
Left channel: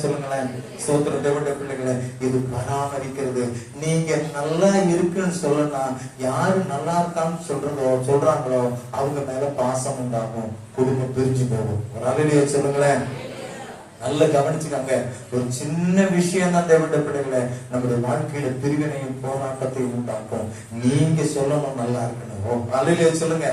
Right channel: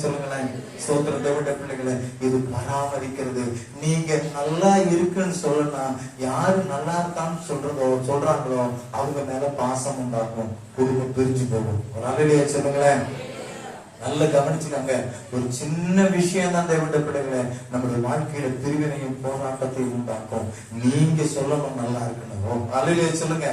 சொல்லுங்களேன். சோத்திர தேவனுடைய பிள்ளைகளை இது பராமரிக்கிறது. நீங்க நல்லா இருக்குன்னு சொல்லலாம். யாரு நல்லா இருக்கான்னு சொல்றாங்களோ அவங்க மேல பாசம் உண்டாகும். குடும்பம் பிரிஞ்சு போகும். ஒரு அலையிலேயே சொல்லுங்களேன். நல்ல கவனிச்சுக்காங்க. ஒரு சின்ன விஷயம் தான் தேவனுடைய பிள்ளைகளை நம்முடைய வாழ்க்கையில பிரிவினையும் போராட்டத்தையும் உண்டாக்கும். நீங்க சொல்லணும் நல்லா இருக்கணும். அலையிலேயே சொல்லுங்க.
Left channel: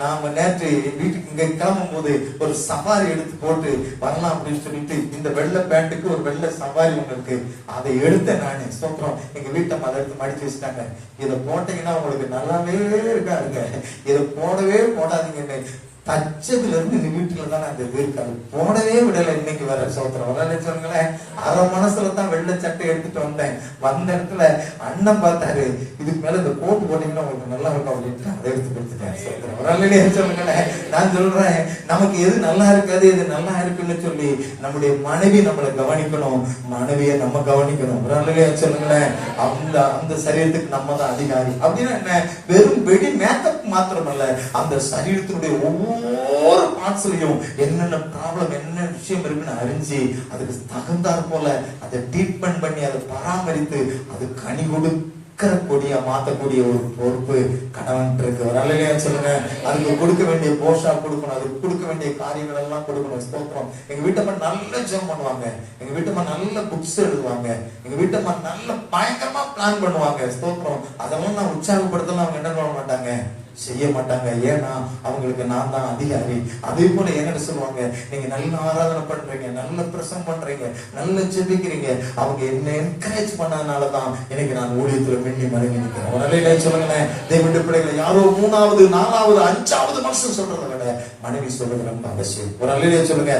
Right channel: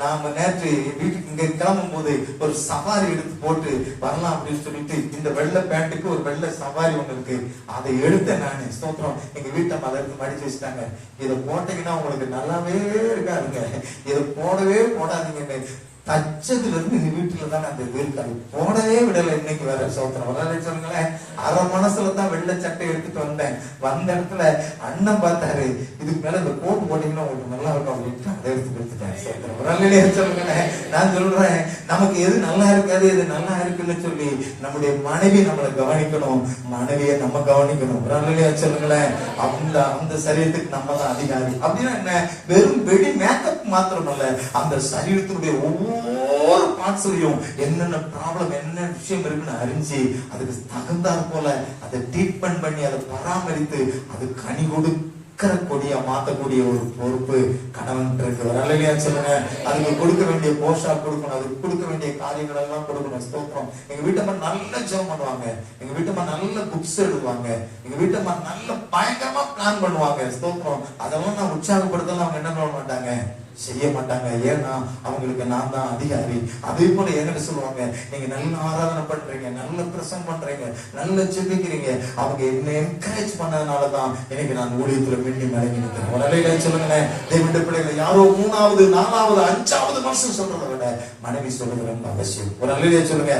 நாம நேற்று வீட்டுக்கு இங்க கிளம்பும் போது ஒரு சவாரி எடுத்து போட்டு வரலாம் அப்படின்னு சொல்லிட்டு இந்த வெள்ளை பேண்ட்டுக்கு ஒரு வெள்ளை சவாரி ஒண்ணு இருக்கு. அதை எடுத்தேன் நானு. ஸ்தோத்திரம் எங்க வீட்டை அதை எடுத்து மடிச்சு வச்சுட்டாங்க. இதை போட்டீங்கன்னா உங்களுக்கு நல்லாவே இருக்காருங்க. இதை போடவே போடாதீங்கன்னு தச்சதுல இருந்து இந்த வீட்டுல தான் அந்த இருக்காரு. போடவே விடல. இன்னைக்கு வர சோத்திரம் வரல சொல்லுங்களேன். அரை மனசுல தான் வெள்ளை சட்டை எடுத்துட்டு வந்தேன். வந்த இடத்துல அண்ணன் பார்த்தாரு, இதுக்கு மேல இந்த கோட்டு போட்டீங்கன்னா உங்களுக்கு நல்லா இருக்கும் அப்படின்ட்டு அதை எடுத்து கொடுத்துட்டேன். சோத்திரம் வரலையே சொல்லுங்களேன். நான் சொல்றேன், நமக்கு எது நல்லா இருக்காது எது நல்லா இருக்குன்னு சொல்லி நம்முடைய மனைவி நம்மளை கவனிக்கணும், மனைவியை நம்ம கவனிக்கணும். வரலையே சொல்லுங்களேன். அந்த சரீரத்துக்கு நம்ம தான் அதிகாரி. அப்படின்னா என்ன? வெறும் வெடி மேக்கப் மாத்திரமல்ல, அந்த சரீரத்தினுடைய ஒவ்வொரு பார்ட்ஸ்லயும் என்னென்ன ப்ராப்ளம் என்ன விஷயம் இருக்குன்னு அறிஞ்சு அதுக்கு தகுந்தாற் போல அதை ட்ரீட்மெண்ட் பண்ணி அதை பராமரித்து அது கனி கொடுக்கிற கொடியா மாத்தக்கூடிய ஒரு பொறுப்பு கணவன் இருக்கு. வரலையா சொல்லுங்க. அதுக்கு கொடுக்க வேண்டிய போஷா கொடுக்கணும். அதுக்கு கொடுக்க வேண்டிய காரியங்கள் எல்லாம் கொடுக்கணும். ஸ்தோத்திரம். எங்க வீட்டம்மா நல்ல ஜெபம் பண்ணுவாங்க. எங்க வீட்டம்மா நல்ல புக்ஸ் எழுதுவாங்க. எங்க வீட்டம்மா நல்ல பயங்கரமா பிளான் பண்ணுவாங்க. ஸ்தோத்திரம். அதெல்லாம் நான் உற்சாகப்படுத்தலாம் அவங்க என்ன பண்ண மாட்டாங்க, செய்ய மாட்டாங்க. ஏன்னா அவங்களுக்கு நான் தான் அதிகாரி. அதே போல என்கிட்ட சொல்லுவாங்க, நீங்க நல்ல ஆராதனை பண்றீங்க, நல்ல பிரசம் பண்றீங்க, நல்ல ஜெபிக்கிறீங்க. அவங்க என்ன என்கரேஜ் பண்ணதுனாலதான் எனக்கு நான் ஊழியத்துல வேண்டி மடங்கி நிற்கிறேன். ஒரு அலையில சொல்லுங்களேன். தேவனுடைய பிள்ளைகளை யாரோ 3வது 4வது 5வது வருஷம் சொல்றதை விட மனைவி சொல்லுங்க அவசியம். ஒரு அலையில சொல்லுங்க.